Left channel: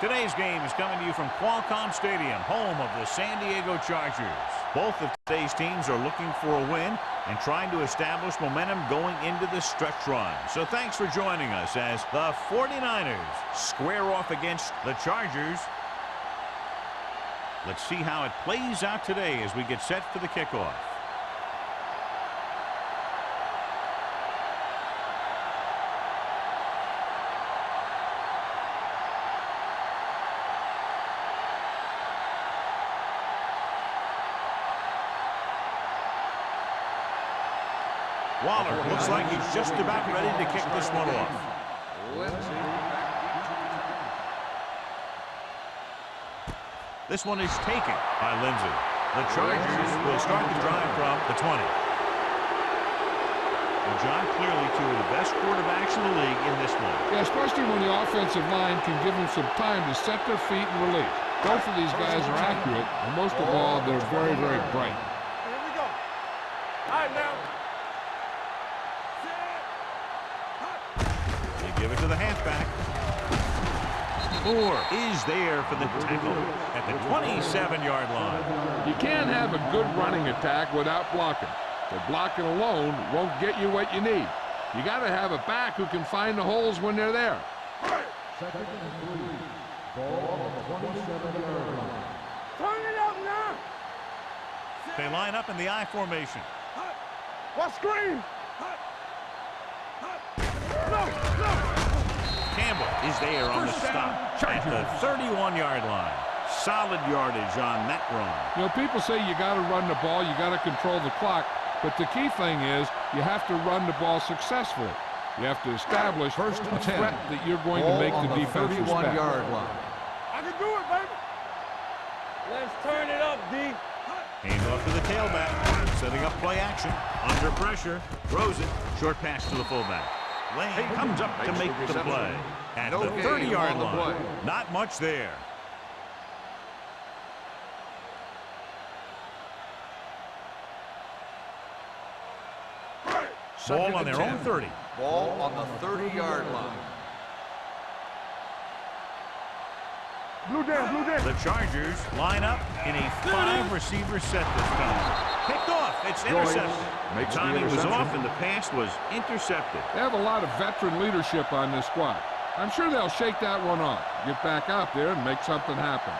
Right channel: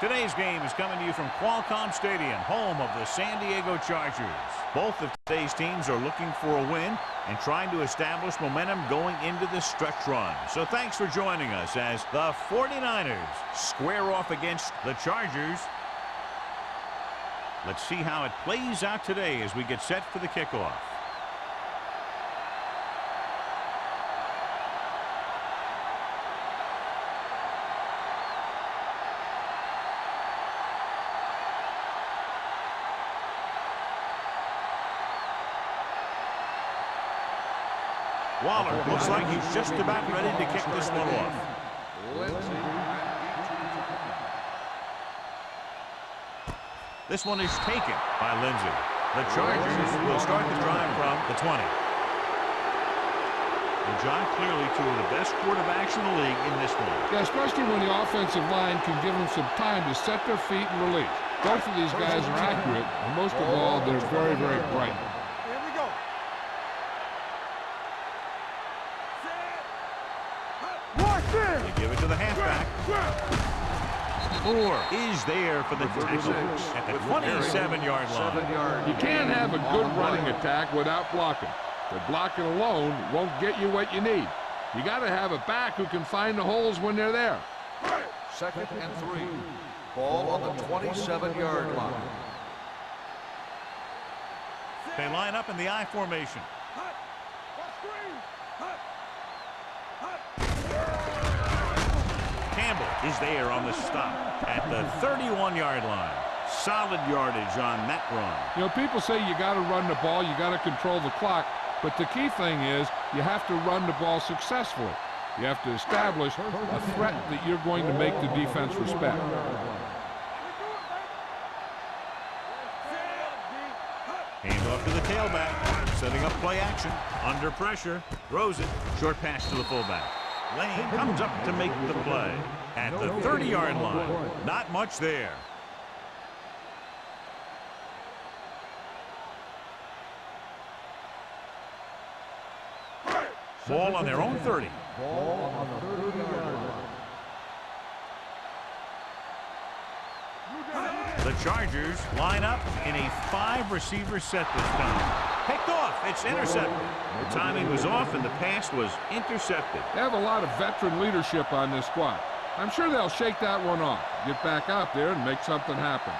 Today's game is coming to you from Qualcomm Stadium, home of the San Diego Chargers. Both of today's teams are looking for a win and trying to establish momentum going into the stretch run. So thanks for joining us as the 49ers square off against the Chargers. Let's see how it plays out today as we get set for the kickoff. Waller looks like he's just about ready to kick this one off. This one is taken by Lindsey. The Chargers will start the drive from the 20. Well, John, clearly two of the best quarterbacks in the league in this one. Yeah, especially when the offensive line can give them some time to set their feet and release. Both of these guys are accurate, and most of all, they're very, very bright. Here we go. You give it to the halfback. Moore is there for the tackle at the 27-yard line. You can't have a good running attack without blocking. But blocking alone won't get you what you need. You got to have a back who can find the holes when they're there. 2nd and 3. Ball on the 27-yard line. They line up in the I formation. What screen? Campbell is there on the stop at the 31-yard line. Solid yardage on that run. You know, people say you got to run the ball, you got to control the clock, but the key thing is you have to run the ball successfully. You have to establish a threat that you're going to make the defense respect. I can do it, baby. Let's turn it up, D. Hand off to the tailback, setting up play action. Under pressure, throws it. Short pass to the fullback. Lane comes up to make the play at the 30-yard line. Not much there. Ball on their own 30. Ball on the 30-yard line. The Chargers line up in a 5-receiver set this time. Picked off. It's intercepted. The timing was off and the pass was intercepted. They have a lot of veteran leadership on this squad. I'm sure they'll shake that one off, get back out there and make something happen.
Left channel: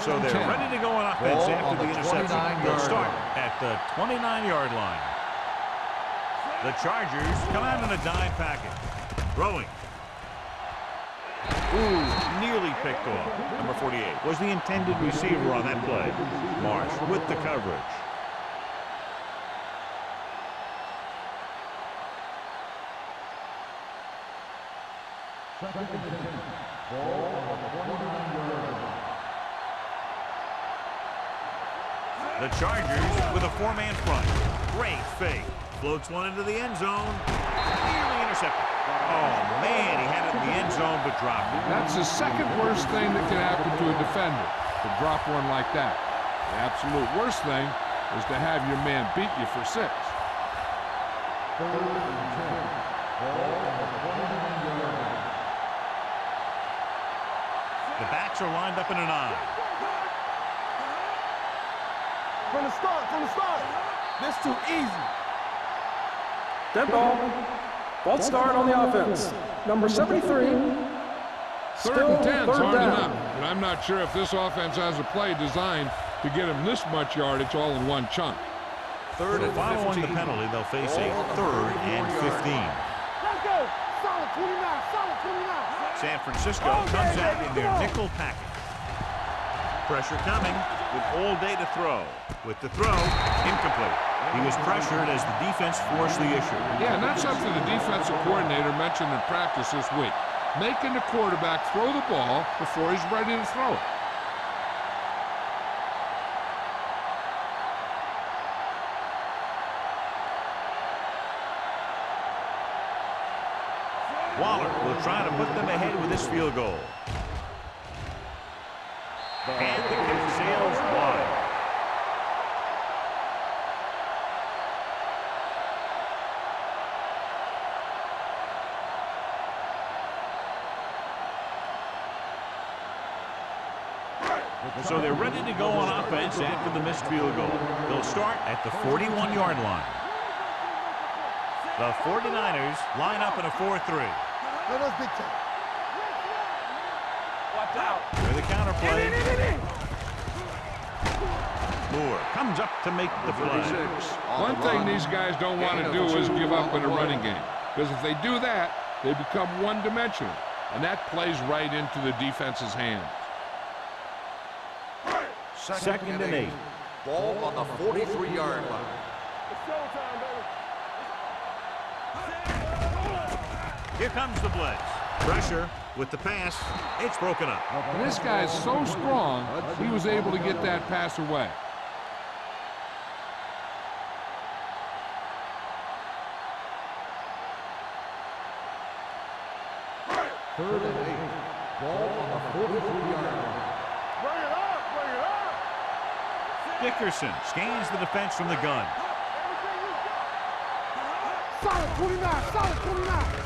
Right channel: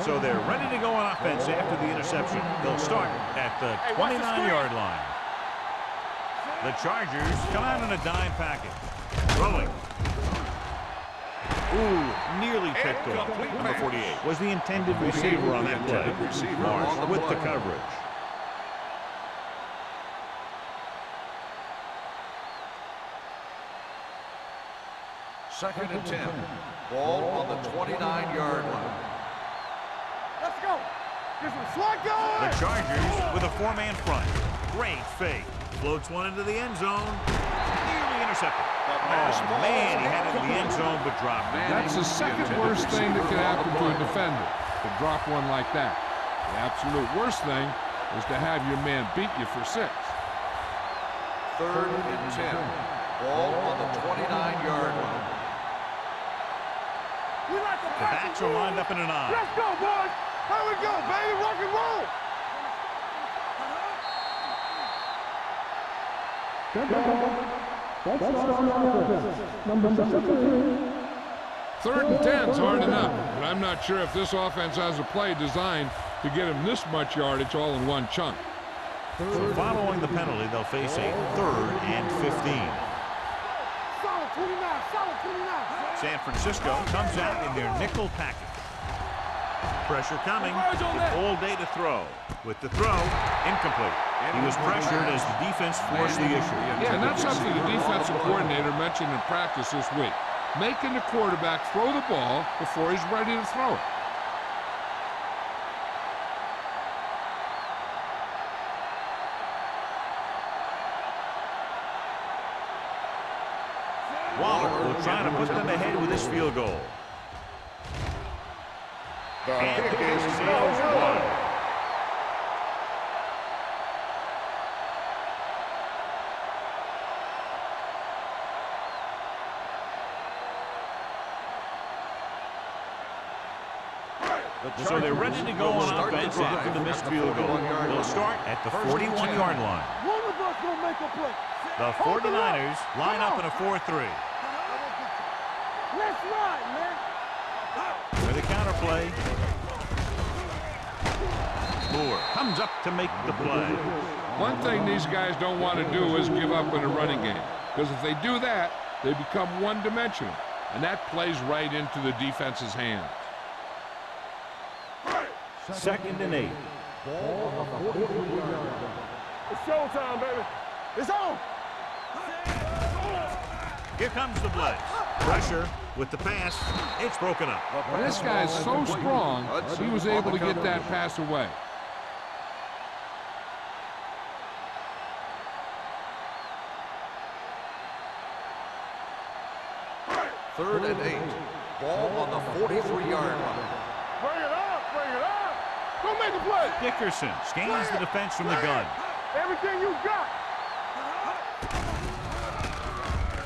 So they're ready to go on offense after the interception. They'll start at the 29-yard line. The Chargers come out in a dime package. Throwing. Ooh, nearly picked off. Number 48 was the intended receiver on that play. Marsh with the coverage. Second and 10. Ball on the 29-yard line. Let's go. Get some slack on. The Chargers with a 4-man front. Great fake. Floats one into the end zone. Nearly intercepted. Oh, man, he had it in the end zone but dropped it. That's the second worst thing that can happen to a defender, to drop one like that. The absolute worst thing is to have your man beat you for 6. 3rd and 10. Ball on the 29-yard line. The backs are lined up in an I. Let's go, boys. How we go, baby? Rock and roll. From the start. This too easy. Dead ball. False start on the offense. Number 73. 3rd and 10's hard enough, but I'm not sure if this offense has a play designed to get him this much yardage all in one chunk. So following the penalty, they'll face a 3rd and 15. Solid 29. Solid 29. San Francisco comes out in their nickel package. Pressure coming with all day to throw. With the throw, incomplete. He was pressured as the defense forced the issue. Yeah, and that's something the defensive coordinator mentioned in practice this week. Making the quarterback throw the ball before he's ready to throw it. Waller will try to put them ahead with this field goal. And the kick sails wide. So they're ready to go on offense after the missed field goal. They'll start at the 41-yard line. The 49ers line up in a 4-3. Let's run, man. Watch out. With a counter play. Moore comes up to make the play. One thing these guys don't want to do is give up in a running game, because if they do that, they become one-dimensional, and that plays right into the defense's hands. 2nd and 8. Ball on the 43-yard line. It's showtime, baby. It's on. Here comes the blitz. Pressure with the pass. It's broken up. And this guy's so strong, he was able to get that pass away. Third and 8. Ball on the 43-yard line. Bring it up. Bring it up. Go make a play. Dickerson scans the defense from the gun. Everything you got.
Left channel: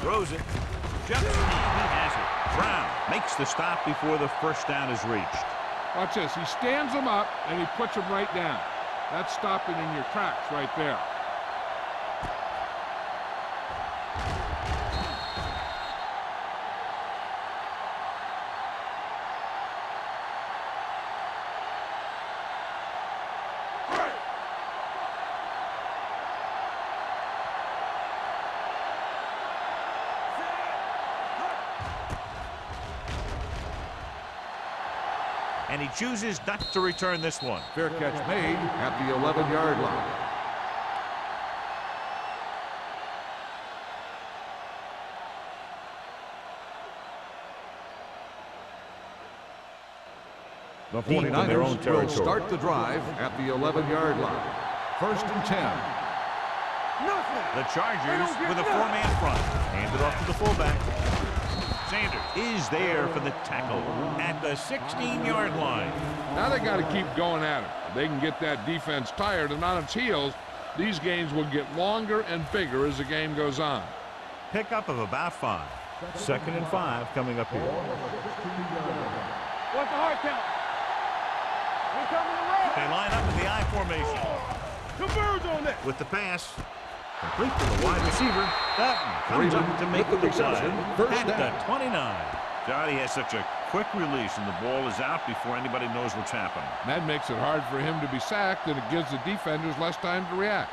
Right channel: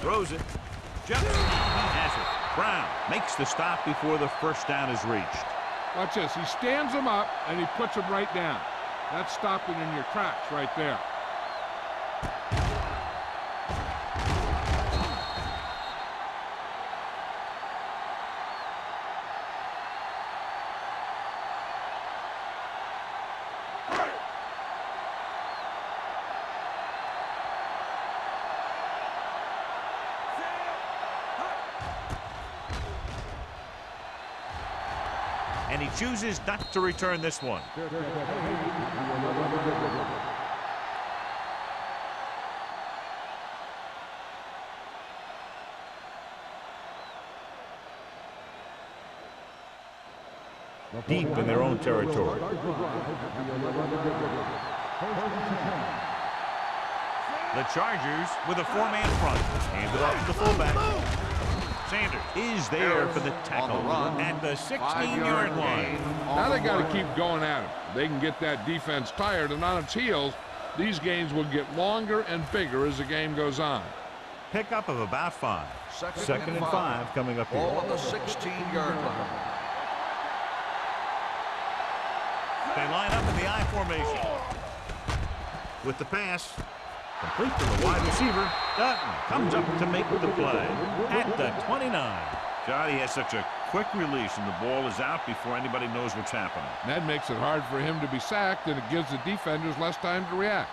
Throws it. Jumps, and he has it. Brown makes the stop before the first down is reached. Watch this. He stands him up, and he puts him right down. That's stopping in your tracks right there. And he chooses not to return this one. Fair catch made at the 11-yard line. The Deep in their own 49ers will territory. Start the drive at the 11-yard line. 1st and 10. The Chargers with a 4-man front. Handed off to the fullback. Sanders is there for the tackle at the 16-yard line. Now they got to keep going at him. They can get that defense tired and on its heels. These games will get longer and bigger as the game goes on. Pickup of about 5. 2nd and 5 coming up here. Ball on the 16-yard line. What's the hard count? They line up in the I formation. Converge on that. With the pass. Complete to the wide receiver. Dutton comes up to make the play at the 29. Johnny has such a quick release, and the ball is out before anybody knows what's happening. That makes it hard for him to be sacked, and it gives the defenders less time to react.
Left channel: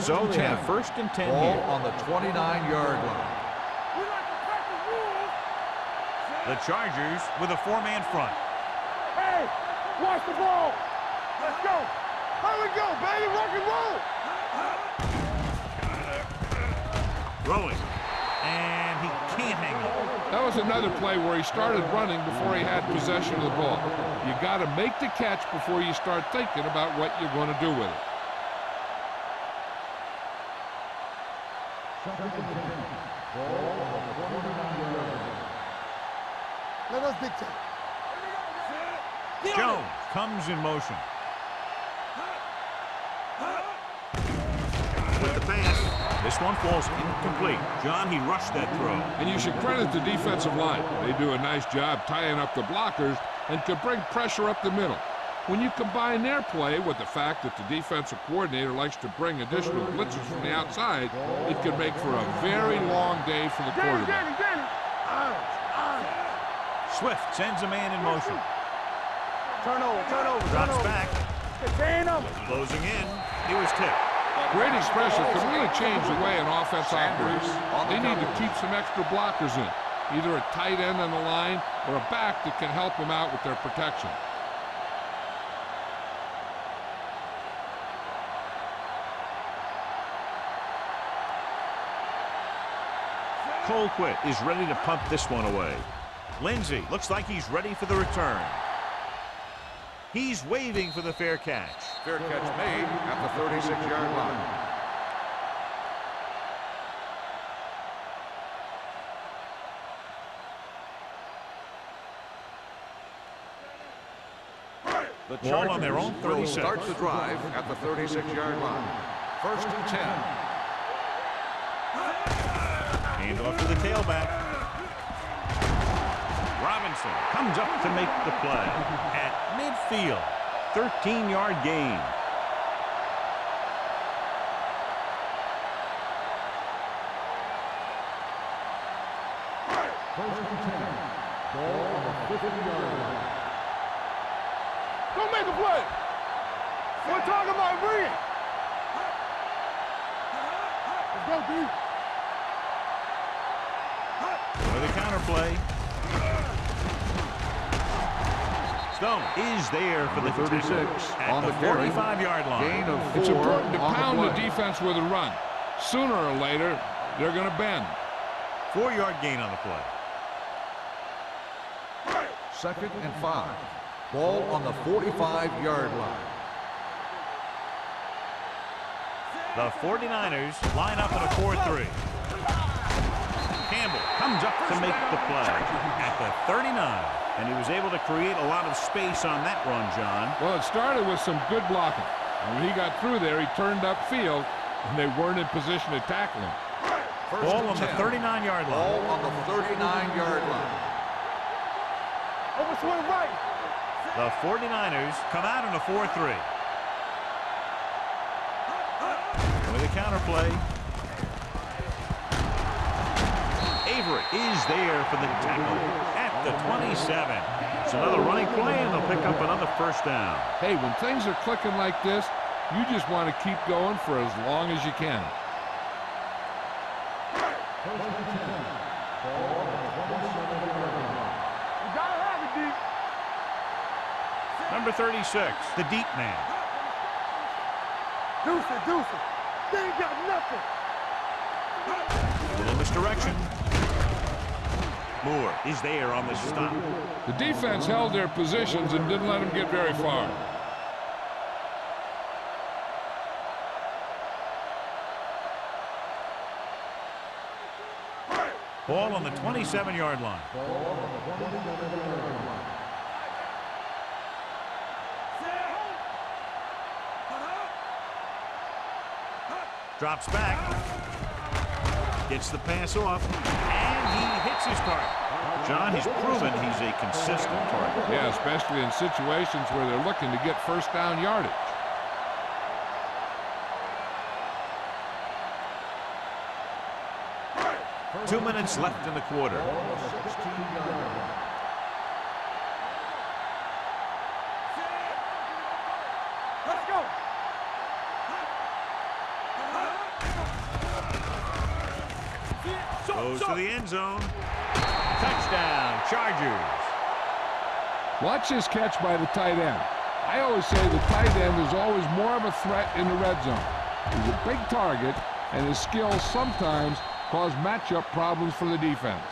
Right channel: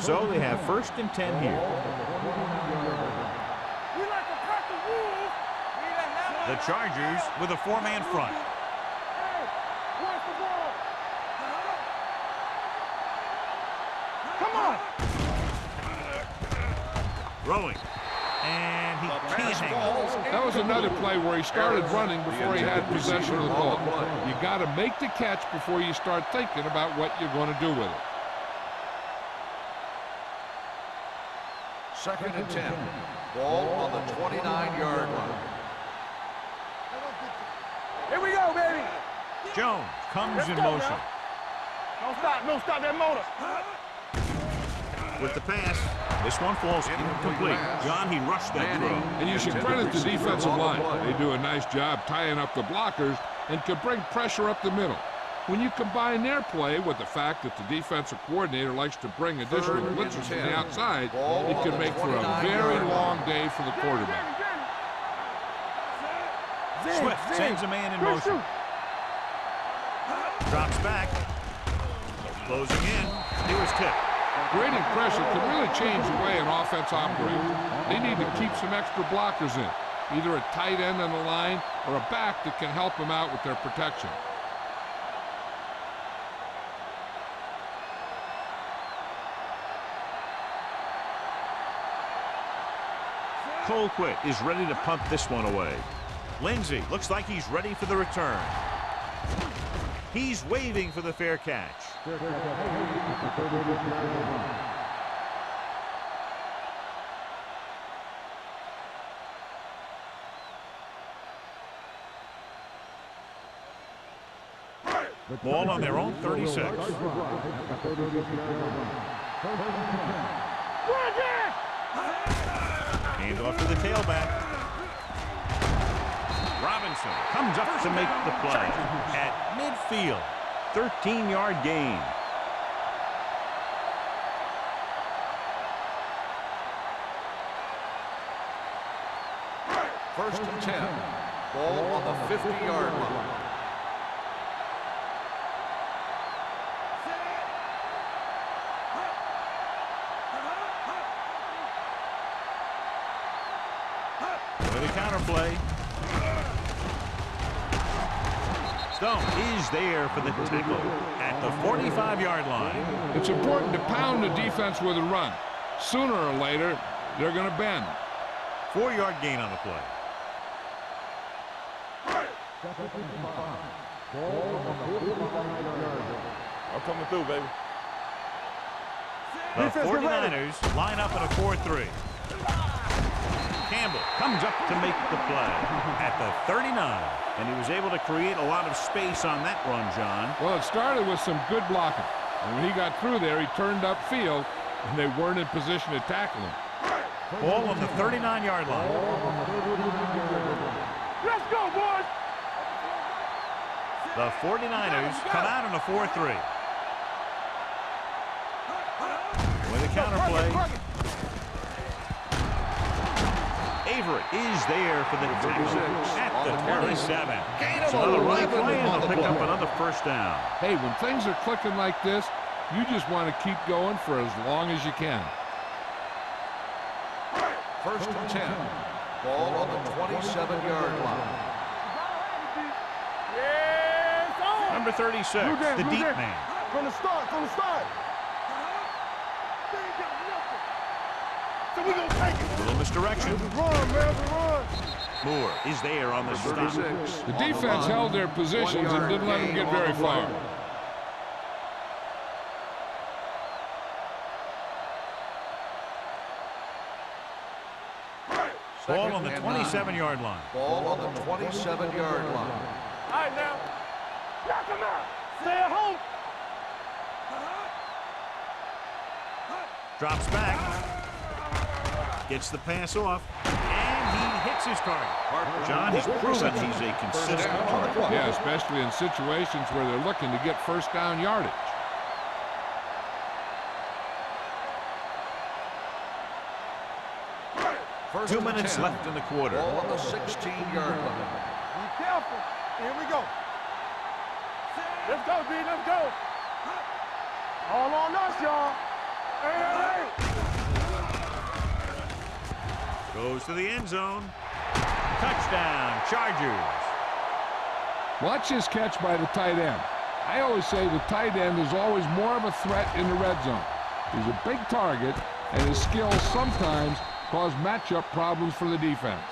So they have 1st and 10 here. Ball on the 29-yard line. We like to practice rules. The Chargers with a 4-man front. Hey, watch the ball. Let's go. Here we go, baby. Rock and roll. Come on. Throwing. And he can't hang on. That was another play where he started running before he had possession of the ball. You got to make the catch before you start thinking about what you're going to do with it. 2nd and 10. Ball on the 29-yard line. Let us get to. Here we go, baby. Jones comes in motion. Don't stop that motor. With the pass, this one falls incomplete. John, he rushed that throw. And you should credit the defensive line. They do a nice job tying up the blockers and can bring pressure up the middle. When you combine their play with the fact that the defensive coordinator likes to bring additional blitzers from the outside, it can make for a very long day for the quarterback. Swift sends a man in motion. Drops back. Closing in. He was tipped. Creating pressure can really change the way an offense operates. They need to keep some extra blockers in, either a tight end on the line or a back that can help them out with their protection. Colquitt is ready to punt this one away. Lindsey looks like he's ready for the return. He's waving for the fair catch. Fair catch made at the 36-yard line. The Ball on their own 36. Start the drive at the 36-yard line. 1st and 10. Hand off to the tailback. Robinson comes up to make the play at midfield. 13-yard gain. First and 10. Ball on the 50-yard line. Don't make a play. We're talking about bringing. Let's go, D. With a counter play. Stone is there for the tackle at the 45-yard line. It's important to pound the defense with a run. Sooner or later, they're going to bend. 4-yard gain on the play. Second and 5. Ball on the 45-yard line. I'm coming through, baby. The 49ers line up in a 4-3. Campbell comes up to make the play at the 39. And he was able to create a lot of space on that run, John. Well, it started with some good blocking. And when he got through there, he turned upfield, and they weren't in position to tackle him. Ball on the 39-yard line. Ball on the 39-yard line. Let's go, boys. Overswing right. The 49ers come out in a 4-3. With a counter play. Avery is there for the tackle at the 27. It's another running play, and they'll pick up another first down. Hey, when things are clicking like this, you just want to keep going for as long as you can. First and 10. Ball on the 27-yard line. You gotta have it, D. Yes, Number 36, the deep man. From the start. Deuce it. They ain't got nothing. A little misdirection. Moore is there on the stop. The defense held their positions and didn't let them get very far. Ball on the 27-yard line. Ball on the 27-yard line. All right, now. Knock him out. Stay at home. Drops back. Gets the pass off. And he hits his target. John, he's proven he's a consistent target. Yeah, especially in situations where they're looking to get first down yardage. First 2 and minutes 10. left in the quarter. Ball on the 16-yard line. Be careful. Here we go. Let's go, D. Let's go. Let's go. All on us, y'all. Goes to the end zone. Touchdown, Chargers. Watch this catch by the tight end. I always say the tight end is always more of a threat in the red zone. He's a big target, and his skills sometimes cause matchup problems for the defense.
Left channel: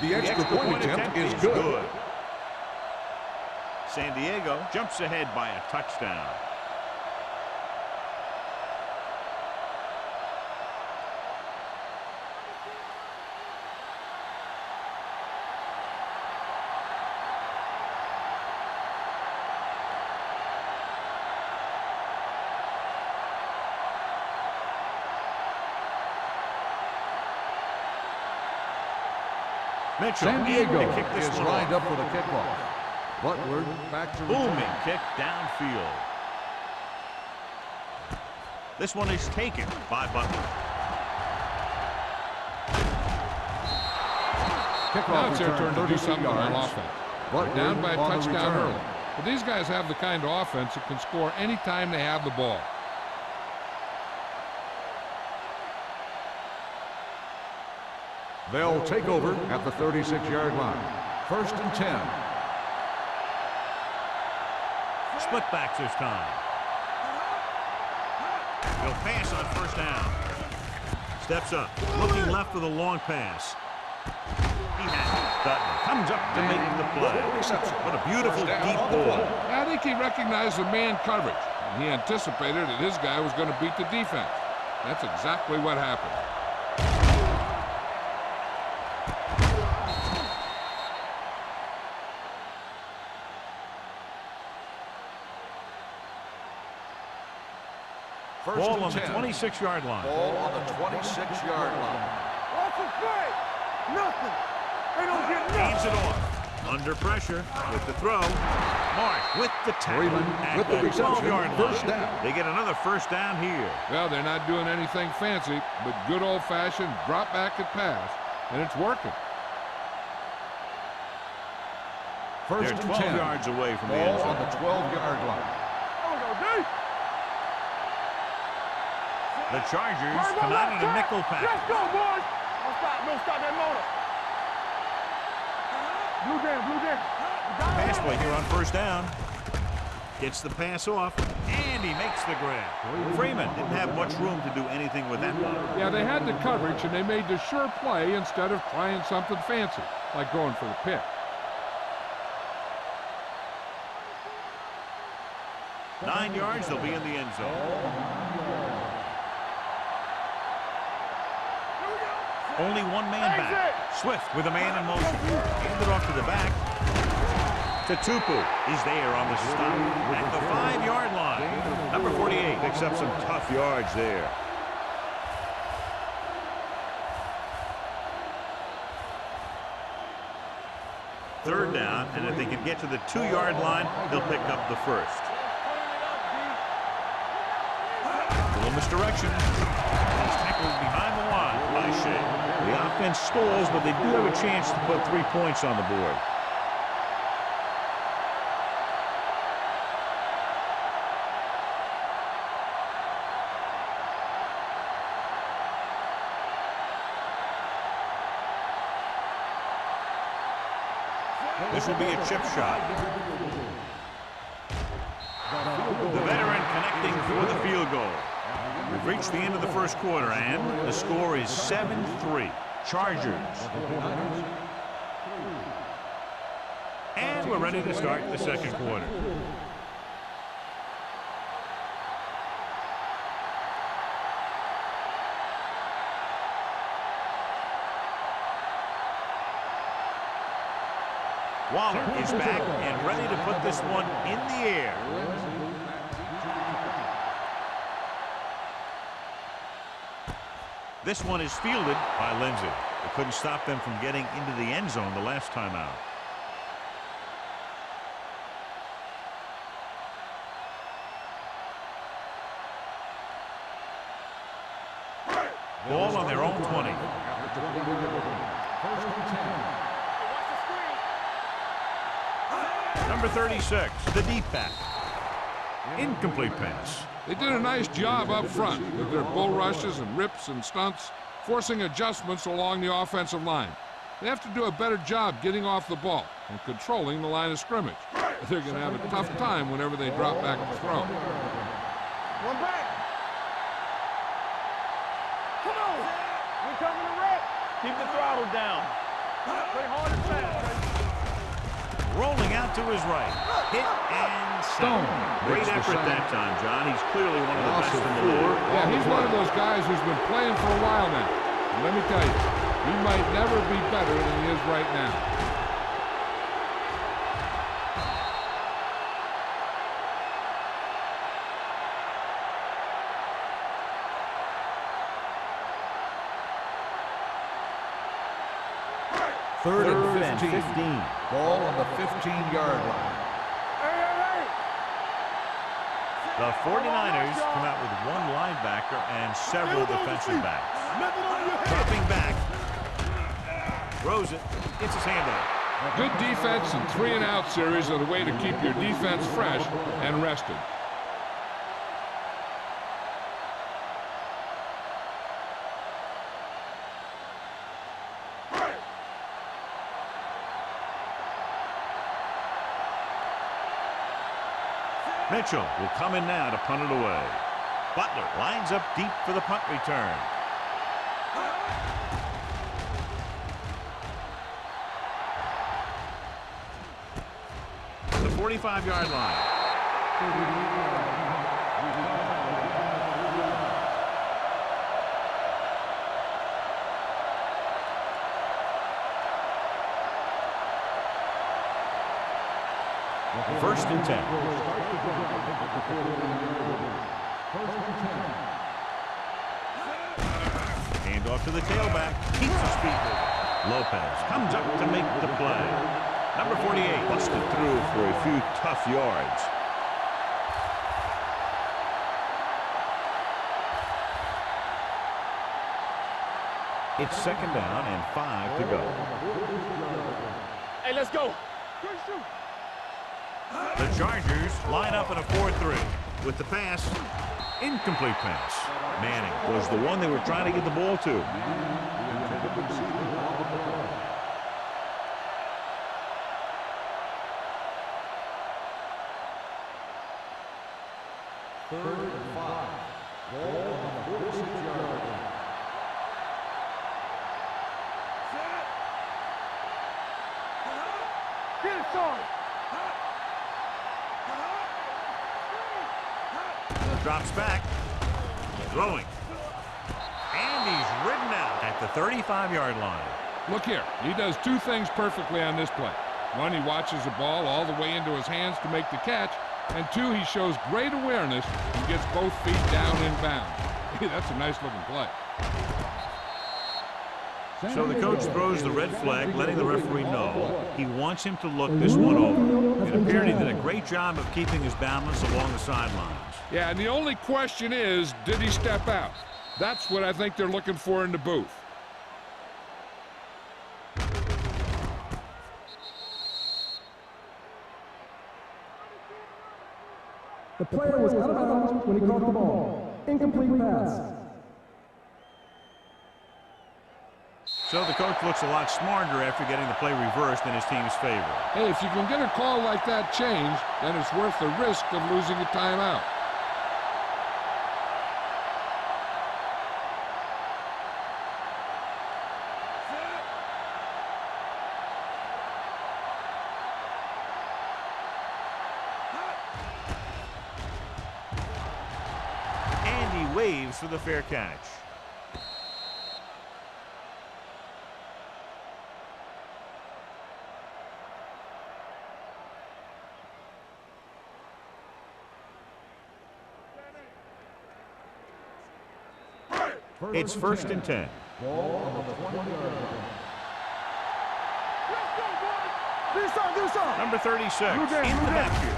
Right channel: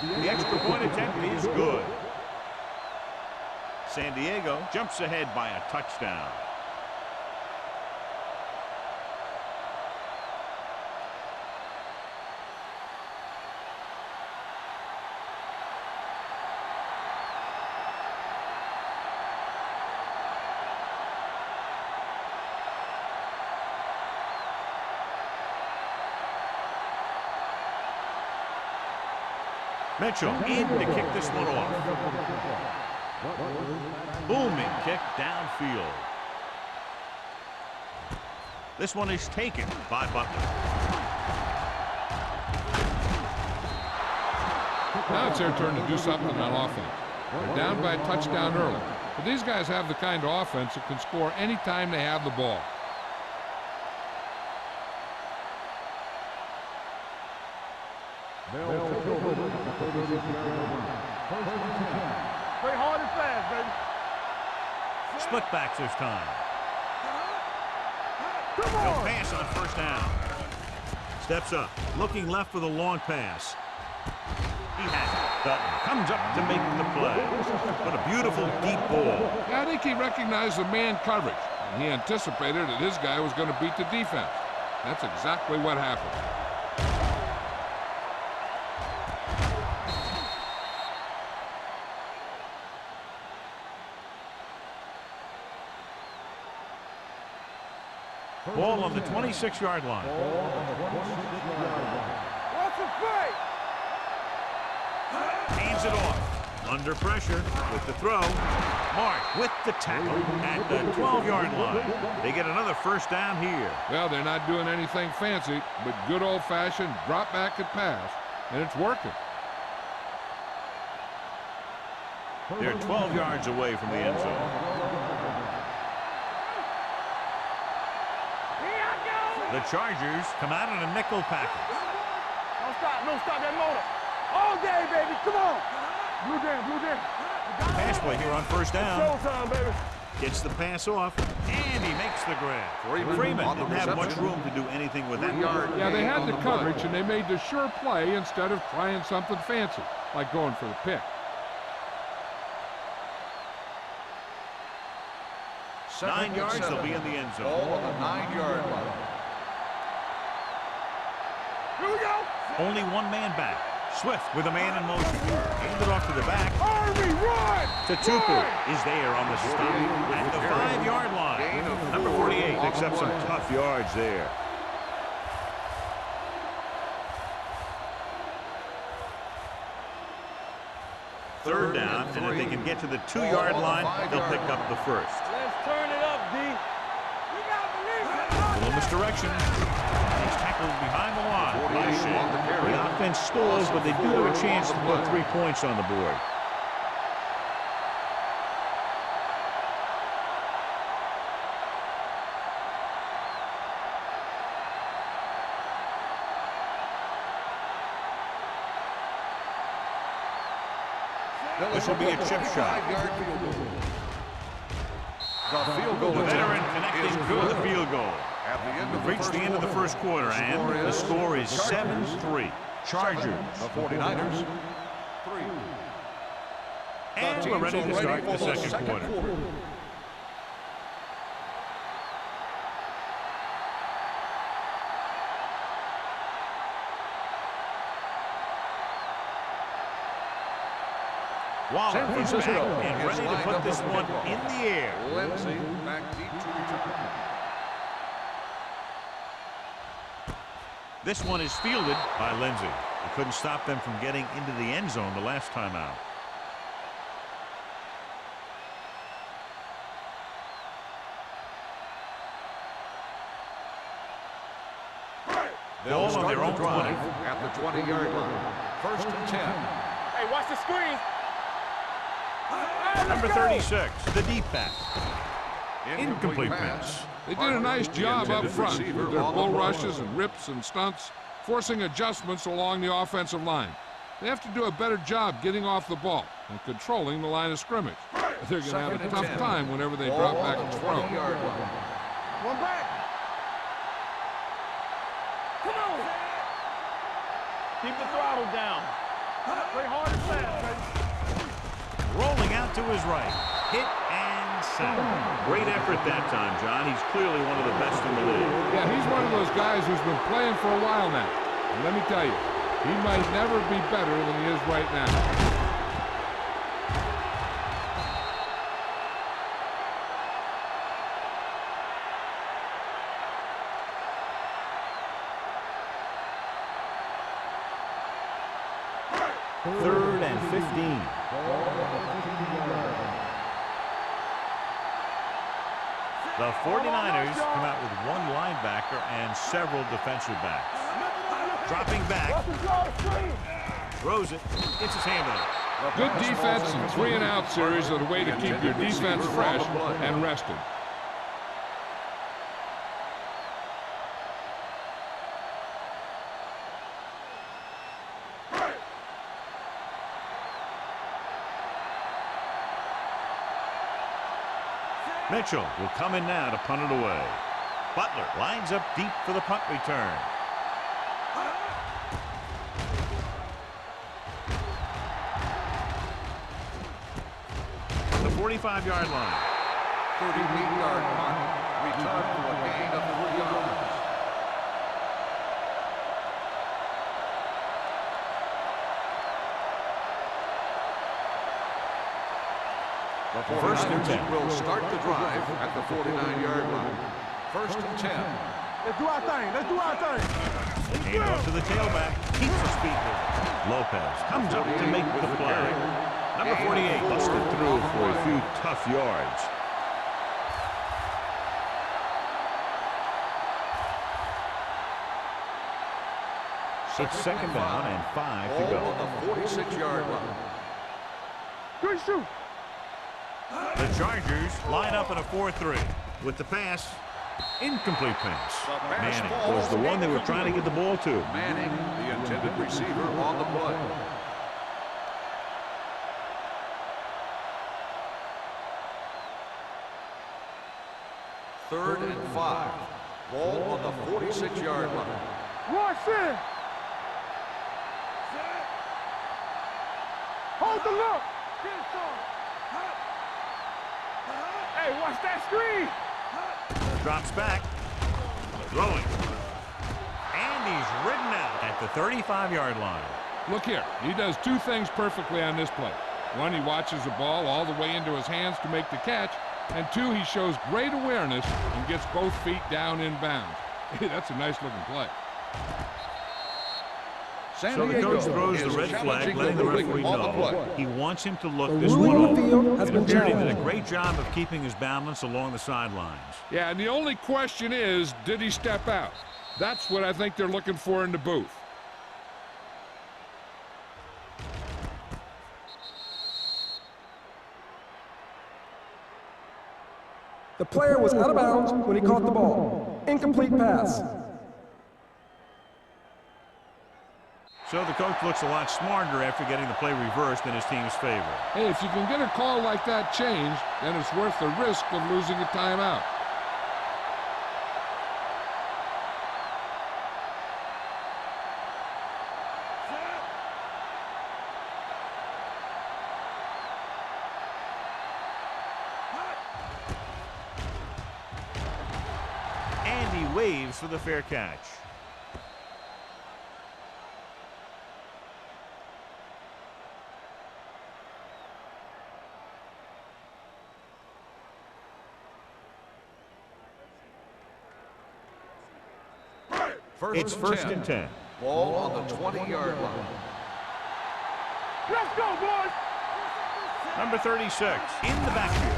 The extra point attempt is good. San Diego jumps ahead by a touchdown. Mitchell in to kick this one off. Up for the kickoff. Butler back to Booming kick downfield. This one is taken by Butler. Now it's their turn to do something on offense. They're down by a touchdown early. But these guys have the kind of offense that can score anytime they have the ball. They'll take over at the 36-yard line. First and 10. Play hard and fast, baby. Split backs this time. They'll pass on first down. Steps up, looking left with a long pass. He has it. Dutton comes up to make the play. What a beautiful deep ball. I think he recognized the man coverage. and he anticipated that his guy was going to beat the defense. That's exactly what happened. Ball on the 26-yard line. Ball on the 26-yard line. What's the play? Nothing. They don't get it. Hands it off. Under pressure with the throw. Marsh with the tackle at the 12-yard line. They get another first down here. Well, they're not doing anything fancy, but good old-fashioned drop back and pass, and it's working. They're 12 yards away from the end zone. On the 12-yard line. The Chargers come out in a nickel Let's package. go, boys. Don't stop that motor. All day, baby. Come on. Blue jam, blue jam. Pass play here on first down. Showtime, baby. Gets the pass off, and he makes the grab. Freeman didn't have much room to do anything with that one. Yeah, they had the coverage, and they made the sure play instead of trying something fancy, like going for the pick. Second 9 and yards, 7. they'll be in the end zone. Ball on the 9-yard line. Here we go. Only one man back. Swift with a man in motion. Handed off to the back. Tatupu is there on the stop at the 5-yard line. Number 48 picks up some tough yards there. Third down, and if they can get to the 2-yard line, they'll pick up the first. Let's turn it up, D. We gotta believe it. Little misdirection. He's tackled behind the line by Shea. The offense stalls, but they do have a chance to put 3 points on the board. This will be a chip shot. The veteran connecting for the field goal. We've reached the end of the first quarter, and the score is 7-3. Chargers. The 49ers, 3. And we're ready to start the second quarter. Waller is back and ready to put this one in the air. Lindsey back deep to return. This one is fielded by Lindsey. It couldn't stop them from getting into the end zone the last time out. Ball on their own 20. At the 20-yard line. First and 10. Hey, watch the screen. Number 36, the deep back. Incomplete pass. They did a nice job up front with their bull rushes and rips and stunts, forcing adjustments along the offensive line. They have to do a better job getting off the ball and controlling the line of scrimmage. They're going to have a tough time whenever they drop back and throw. One back. Come on. We're coming to wreck. Keep the throttle down. Play hard and fast, baby. Rolling out to his right. Hit and sack. Great effort that time, John. He's clearly one of the best in the league. Yeah, he's one of those guys who's been playing for a while now. And let me tell you, he might never be better than he is right now. Third and 15. Ball on the 15-yard line. The 49ers come out with one linebacker and several defensive backs. Dropping back. Throws it. Gets his hand on it. Good defense and 3-and-out series are the way to keep your defense fresh and rested. Mitchell will come in now to punt it away. Butler lines up deep for the punt return. The 45-yard line. 38-yard line. return for a gain of 3 yards. First and 10. Will start the drive at the 49-yard line. First and 10. Let's do our thing. Let's do our thing. Hand off to the tailback. Keeps his feet moving. Lopez comes up to make the play. Number 48 busted through for a few tough yards. It's second down and 5 to go. On the 46-yard line. Hey, let's go. Good shoot. The Chargers line up in a 4-3 with the pass. Incomplete pass. Manning was the one they were trying to get the ball to. Manning, the intended receiver, on the play. Third and 5. Ball on the 46-yard line. Watch it. Set. Hold the look. Get it, son. Hey, watch that screen. Drops back. Throwing. And he's ridden out at the 35-yard line. Look here. He does two things perfectly on this play. One, he watches the ball all the way into his hands to make the catch. And two, he shows great awareness and gets both feet down in bounds. Hey, that's a nice-looking play. So the coach throws the red flag, letting the referee know he wants him to look this one over. It appeared he did a great job of keeping his balance along the sidelines. Yeah, and the only question is, did he step out? That's what I think they're looking for in the booth. The player was out of bounds when he caught the ball. Incomplete pass. So the coach looks a lot smarter after getting the play reversed in his team's favor. Hey, if you can get a call like that changed, then it's worth the risk of losing a timeout. And he waves for the fair catch. It's first and 10. Ball on the 20-yard line. Let's go, boys. This up. Number 36 in the backfield.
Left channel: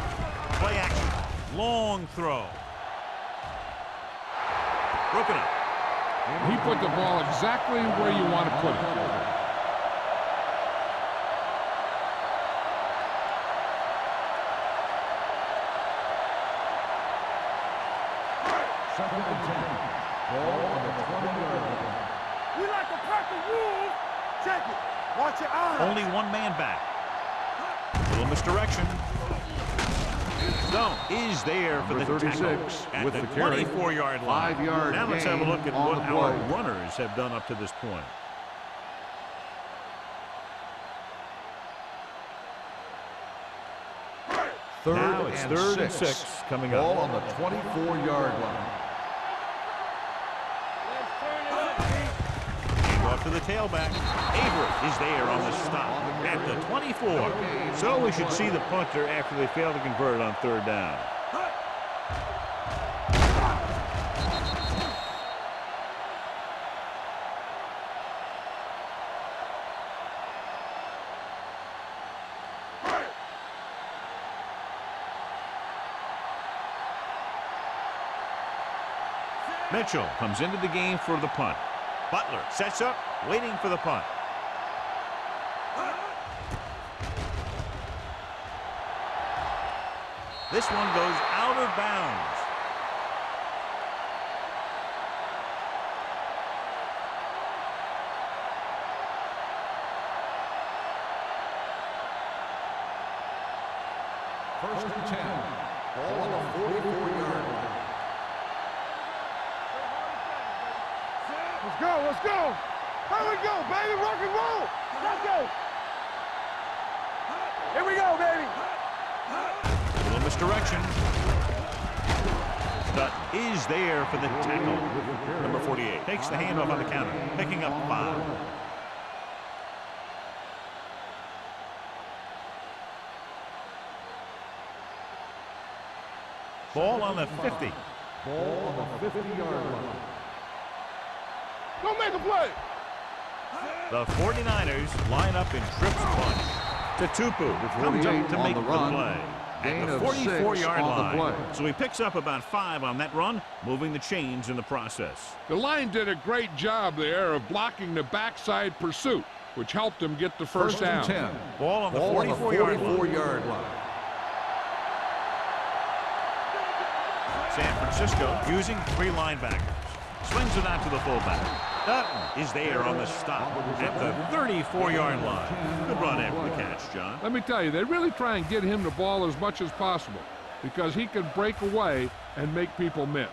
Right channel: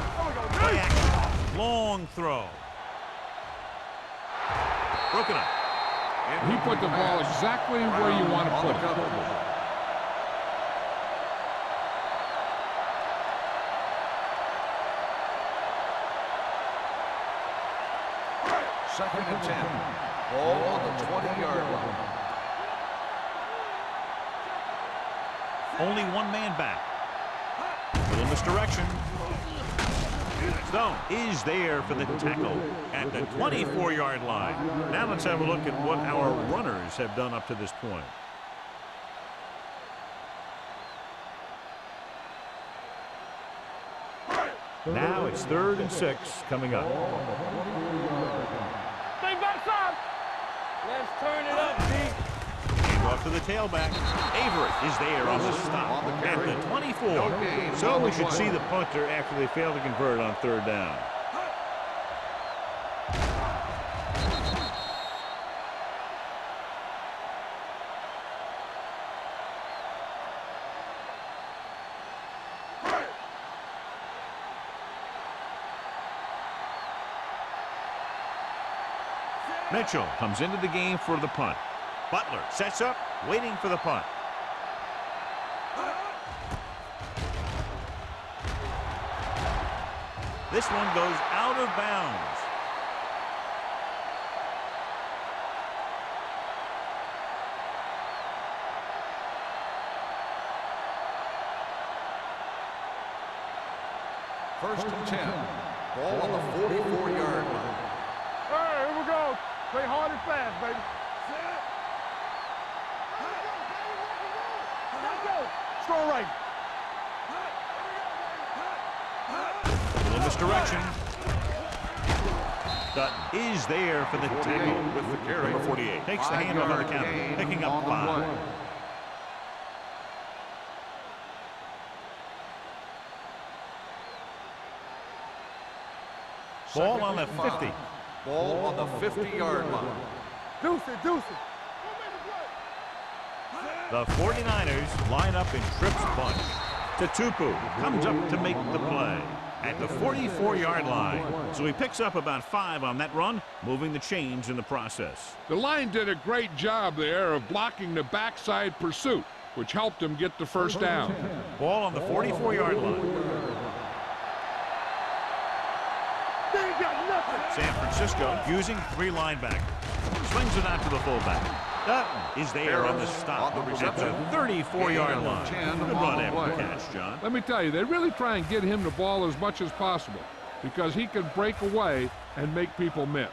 Play action. Long throw. Broken up. He put the ball exactly where you want to put it. Second and 10. Ball on the 20-yard line. We like to crack the rules. Check it. Watch your eyes. Only one man back. Little misdirection. Stone is there for the tackle at the 24-yard line. Now let's have a look at what our runners have done up to this point. Now it's third and 6 coming Ball up. on the 24-yard line. Let's turn it up, B. Hand off to the tailback. Avery is there on the stop at the 24. So we should see the punter after they fail to convert on third down. Mitchell comes into the game for the punt. Butler sets up, waiting for the punt. This one goes out of bounds. First and 10. Ball on the 44-yard line. Here we go. Play hard and fast, baby. Set. Let's go. Let's go. Here we go, baby. Rock and roll. Let's go. Strong right. Here we go, baby. A little misdirection. Dutton is there for the tackle. Number 48 takes the handoff on the counter, picking up 5. Ball on the 50. Ball on the 50-yard line. Deuce it, deuce it. Go make a play. The 49ers line up in trips bunch. Tutupu comes up to make the play at the 44-yard line. So he picks up about 5 on that run, moving the chains in the process. The line did a great job there of blocking the backside pursuit, which helped him get the first down. Ball on the 44-yard line. San Francisco using 3 linebackers. Swings it out to the fullback. Dutton is there on the stop at the 34-yard line. Good run after the catch, John. Let me tell you, they really try and get him the ball as much as possible because he can break away and make people miss.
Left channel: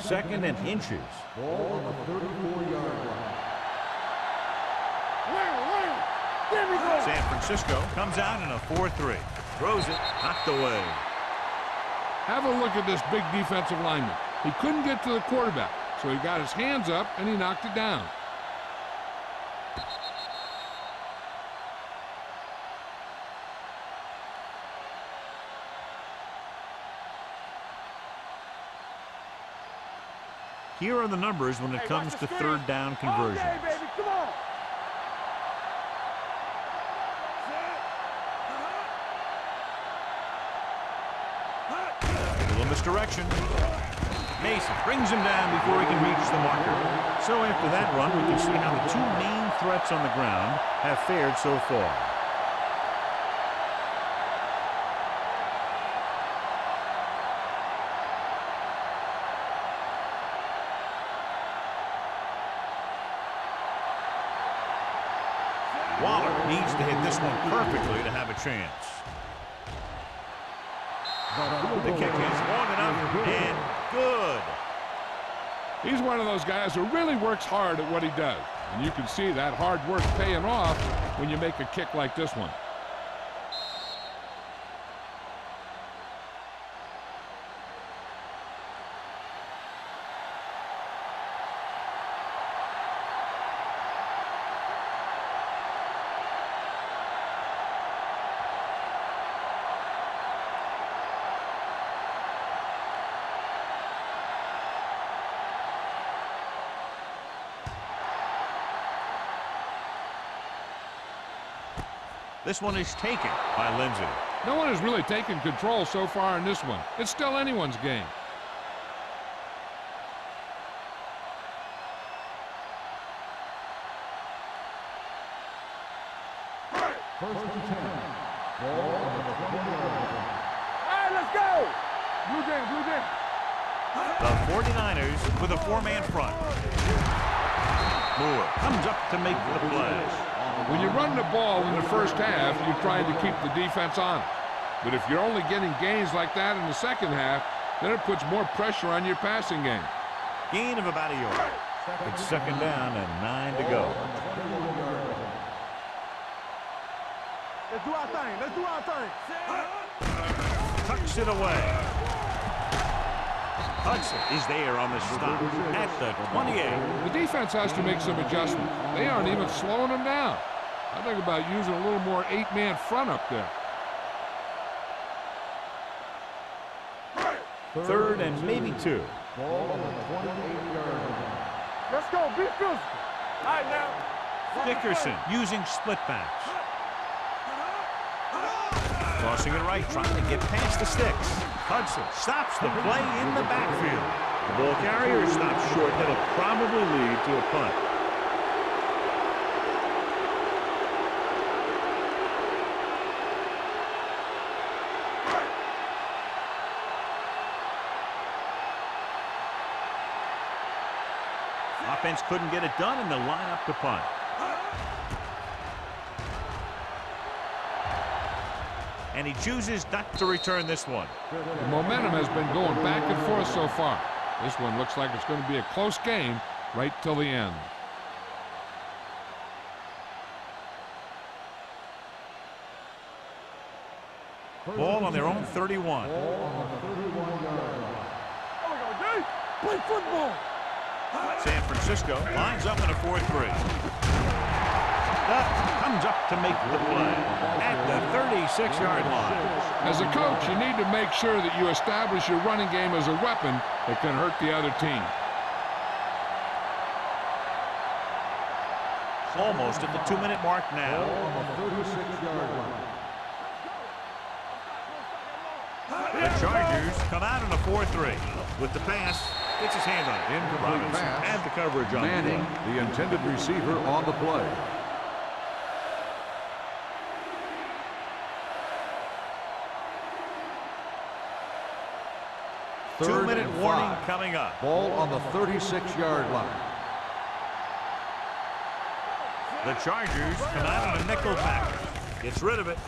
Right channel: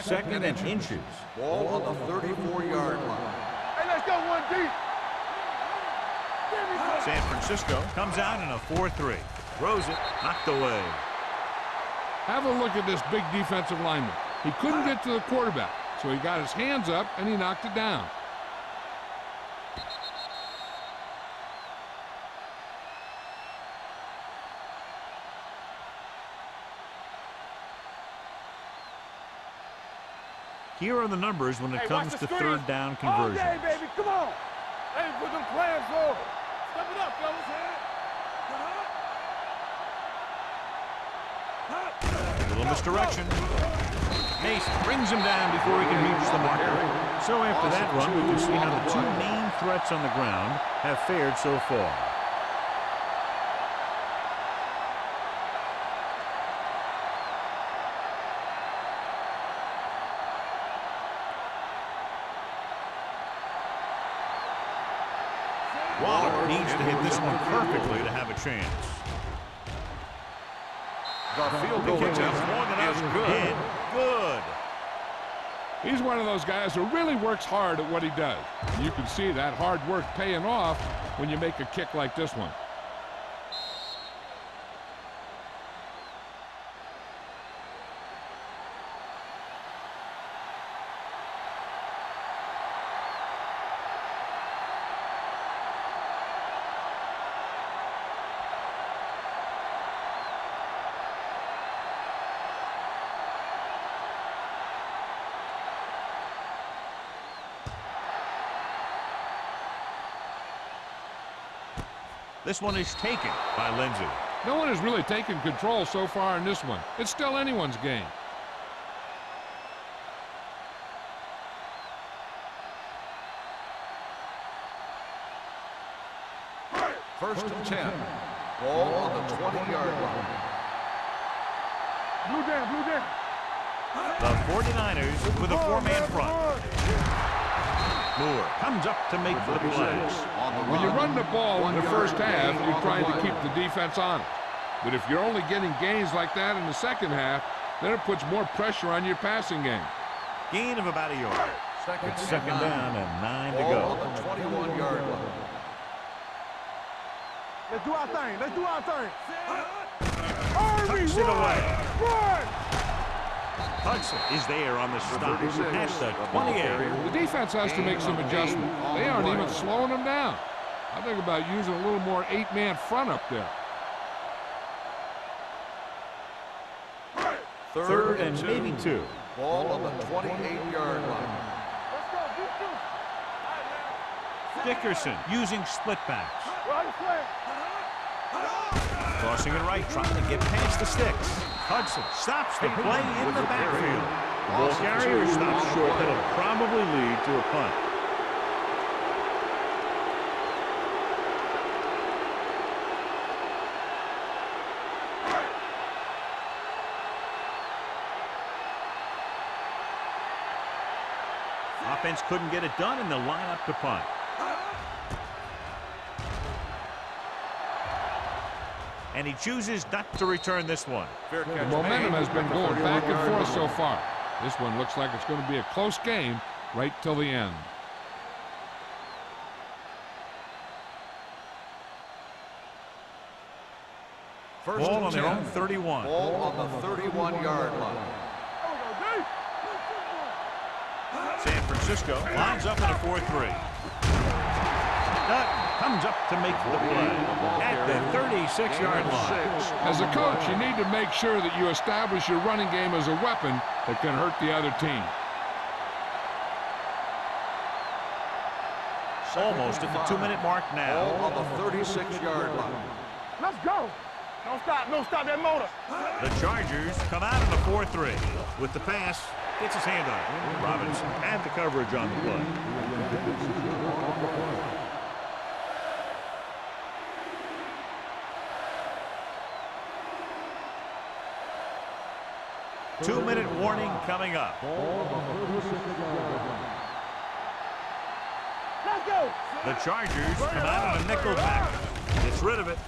Second and inches. Ball on the 34-yard line. Hey, let's go one deep. Wing. Give me some. San Francisco comes out in a 4-3. Throws it, knocked away. Have a look at this big defensive lineman. He couldn't get to the quarterback, so he got his hands up and he knocked it down. Here are the numbers when it comes to third down conversions. Okay, baby, come on. Hey, put them plans forward. A little misdirection. Mason brings him down before he can reach the marker. So after that run, we can see how the 2 main threats on the ground have fared so far. Waller needs to hit this one perfectly to have a chance. The kick is long enough and good. He's one of those guys who really works hard at what he does. And you can see that hard work paying off when you make a kick like this one. This one is taken by Lindsey. No one has really taken control so far in this one. It's still anyone's game. First and 10. Ball on the 20-yard line. Hey, let's go. Blue jam. The 49ers with a 4-man front. Moore comes up to make the play. When you run the ball in the first half, you're trying to keep the defense honest. But if you're only getting gains like that in the second half, then it puts more pressure on your passing game. Gain of about 1 yard. It's second down and 9 to go. On the 21-yard line. Let's do our thing. Tucks it away. Hudson is there on the stop at the 28. The defense has to make some adjustments. They aren't even slowing them down. I think about using a little more 8-man front up there. Third and maybe 2. Ball on the 28-yard line. Let's go. Be physical. All right, now. Dickerson using split backs. Tossing it right, trying to get past the sticks. Hudson stops the play in the backfield. The ball carrier stops short. That'll probably lead to a punt. Offense couldn't get it done, and they'll line up to punt. And he chooses not to return this one. The momentum has been going back and forth so far. This one looks like it's going to be a close game right till the end. Ball on their own 31. Ball on the 31-yard line. There we go, D. Play football. San Francisco lines up in a 4-3. Duck comes up to make the play at the 36-yard line. As a coach, you need to make sure that you establish your running game as a weapon that can hurt the other team. Almost at the 2-minute mark now. Ball on the 36-yard line. Let's go. Don't stop that motor. The Chargers come out in a 4-3. With the pass, gets his hand on it. Robinson had the coverage on the play. Manning, the intended receiver on the play. Two-minute warning coming up. Ball on the 36-yard line. Let's go. The Chargers come out on a nickel back. Gets rid of it.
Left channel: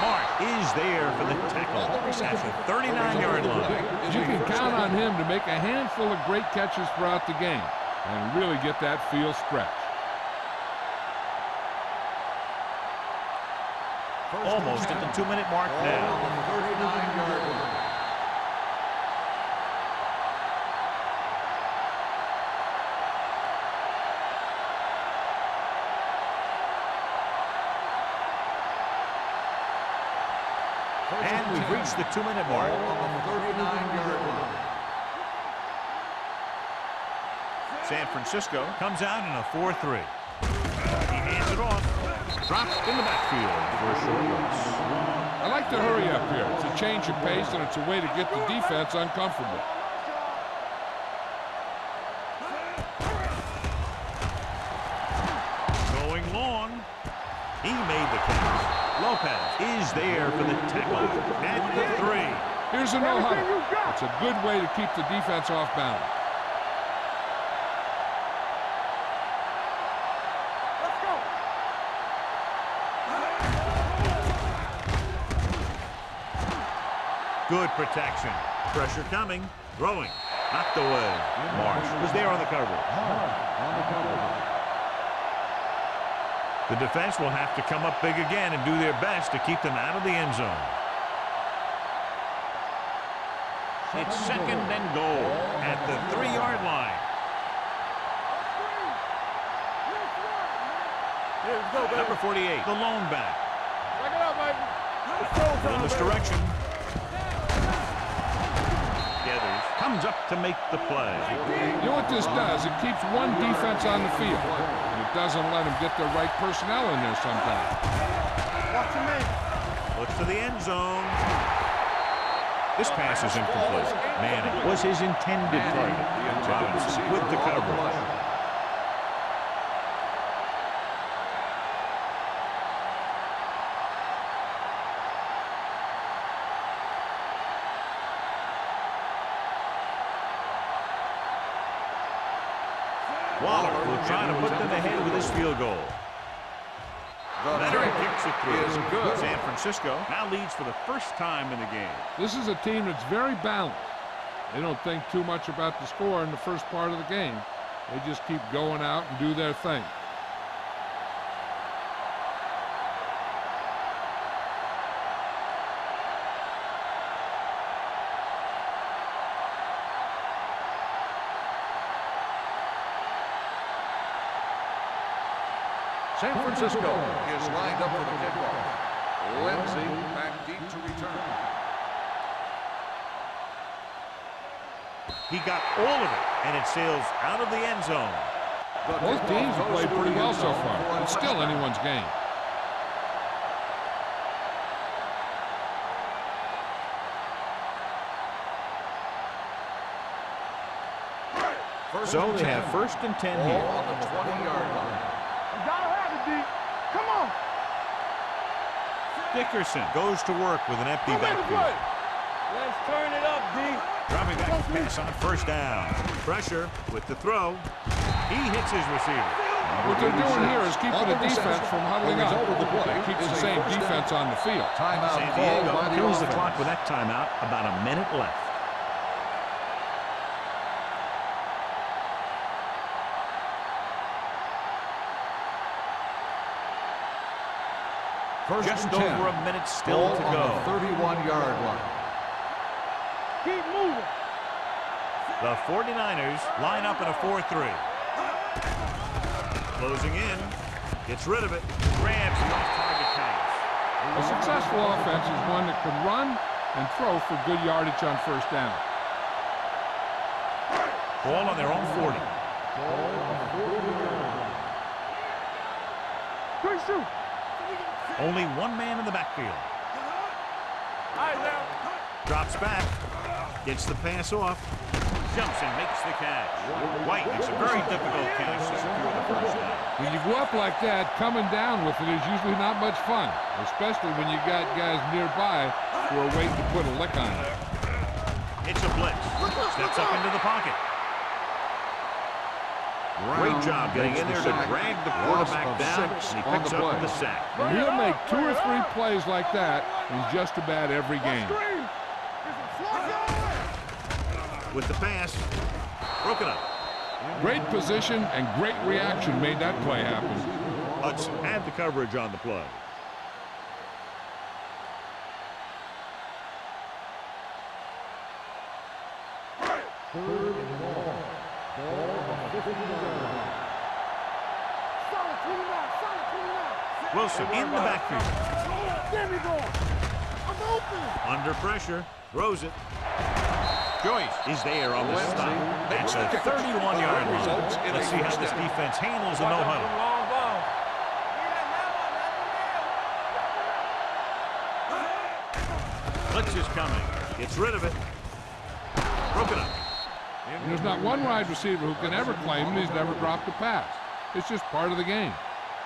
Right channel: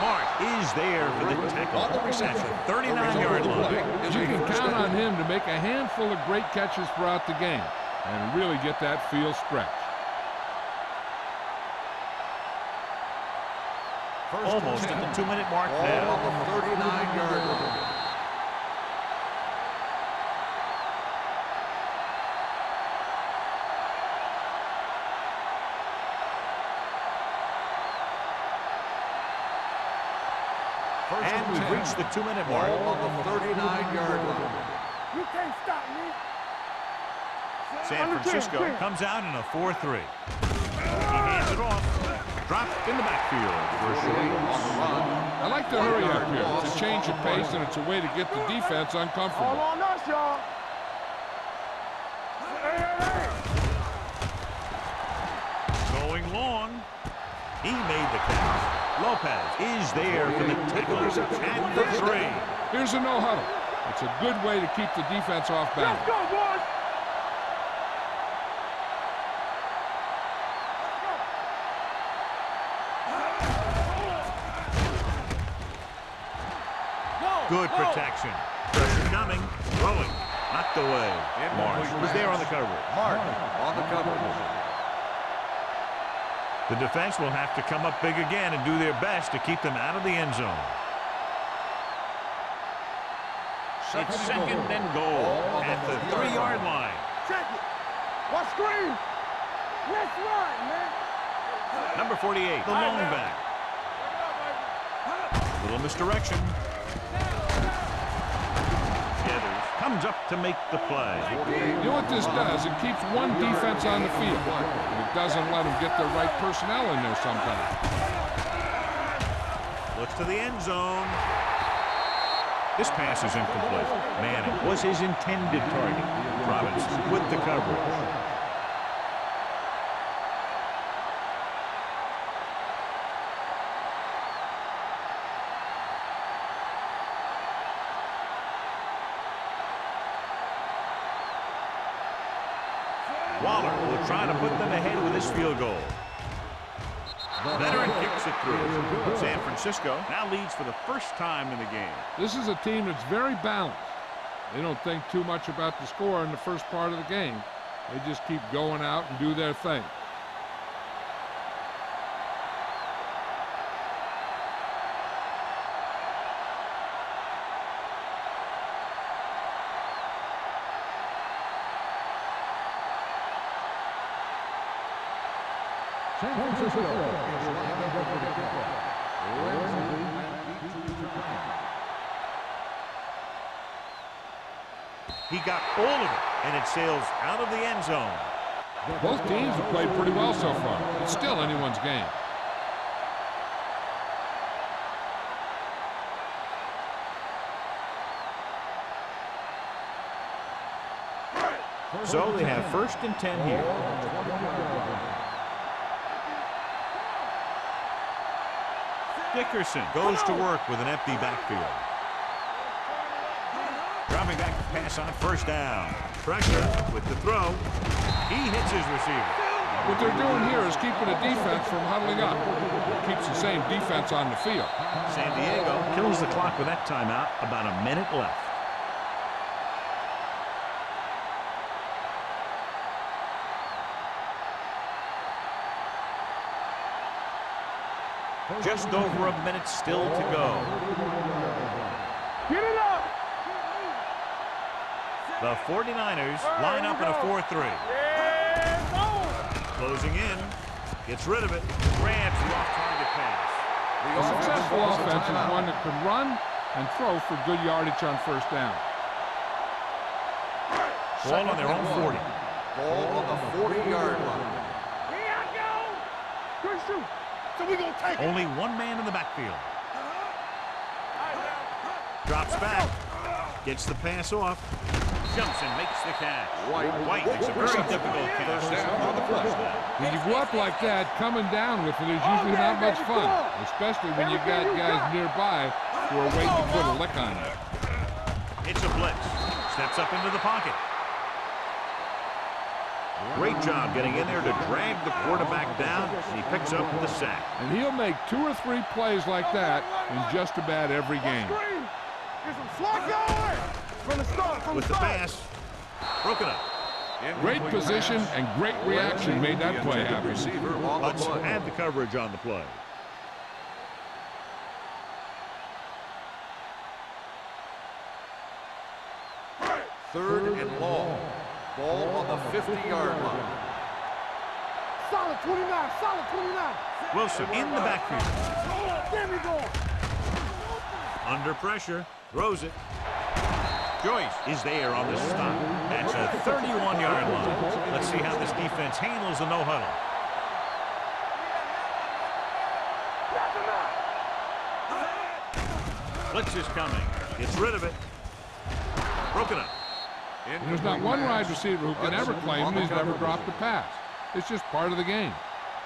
Mark is there for the tackle at the 39-yard line. You can count on him to make a handful of great catches throughout the game and really get that field stretched. Almost at the 2-minute mark Ball now. on the 39-yard line. And we've reached the 2-minute mark. Ball on the 39-yard line. You can't stop me. San Francisco comes out in a 4-3. He hands it off. Dropped in the backfield for a short loss. I like to hurry up here. It's a change of pace, and it's a way to get the defense All uncomfortable. on us, y'all. Going long. He made the catch. Lopez is there for the tackle at the 3. Here's a no huddle. It's a good way to keep the defense off balance. Let's go, boys. Let's go. Good protection. Pressure coming. Throwing. Knocked away. Marsh was there on the coverage. On the coverage. The defense will have to come up big again and do their best to keep them out of the end zone. It's 2nd and goal at the 3-yard line. Check it. Let's screen. Let's run, man. Number 48, the lone back. Check it out, baby. Little misdirection. Gathers, comes up to make the play. You know what this does? It keeps one defense on the field, and it doesn't let them get the right personnel in there sometimes. Watch your name. Looks to the end zone. This pass is incomplete. Manning was his intended target. Robinson with the coverage. Waller will try to put them ahead with his field goal. Veteran kicks it through. San Francisco now leads for the first time in the game. This is a team that's very balanced. They don't think too much about the score in the first part of the game. They just keep going out and do their thing. San Francisco is lined up for the kickoff. Lindsey back deep to return. He got all of it, and it sails out of the end zone. Both teams have played pretty well so far. It's still anyone's game. So they have 1st and 10 here. Ball on the 20-yard line. Dickerson goes to work with an empty backfield. Let's turn it up, D. Dropping back to pass on 1st down. Pressure with the throw. He hits his receiver. What they're doing here is keeping the defense from huddling up. It keeps the same defense on the field. San Diego kills the clock with that timeout. About a minute left. Just over a minute still to go. 31-yard line. Get it up. Keep moving. The 49ers line up in a 4-3. Closing in. Gets rid of it. Grabs the off-target pass. A successful offense is one that can run and throw for good yardage on first down. Ball on their own 40. Ball on the 40-yard line. Here I go. Good shoot. Only one man in the backfield. Drops back. Gets the pass off. Jumps and makes the catch. White makes a very difficult catch to secure the first down. When you go up like that, coming down with it is usually not much fun, especially when you got guys nearby who are waiting to put a lick on it. It's a blitz. Steps up into the pocket. Great job getting in there to drag the quarterback down, and he picks up the sack. And he'll make 2 or 3 plays like that in just about every game. Get some slot going. From the start. With the pass, broken up. Great position and great reaction made that play happen. Hudson had the coverage on the play. Third and long. Ball on the 50-yard line. Solid 29. Solid 29. Wilson in the backfield. Get me going. I'm open. Under pressure, throws it. Joyce is there on the stop. That's a 31-yard line. Let's see how this defense handles the no-huddle. Blitz is coming. Gets rid of it. Broken up. There's not one wide receiver who can ever claim that he's never dropped a pass. It's just part of the game.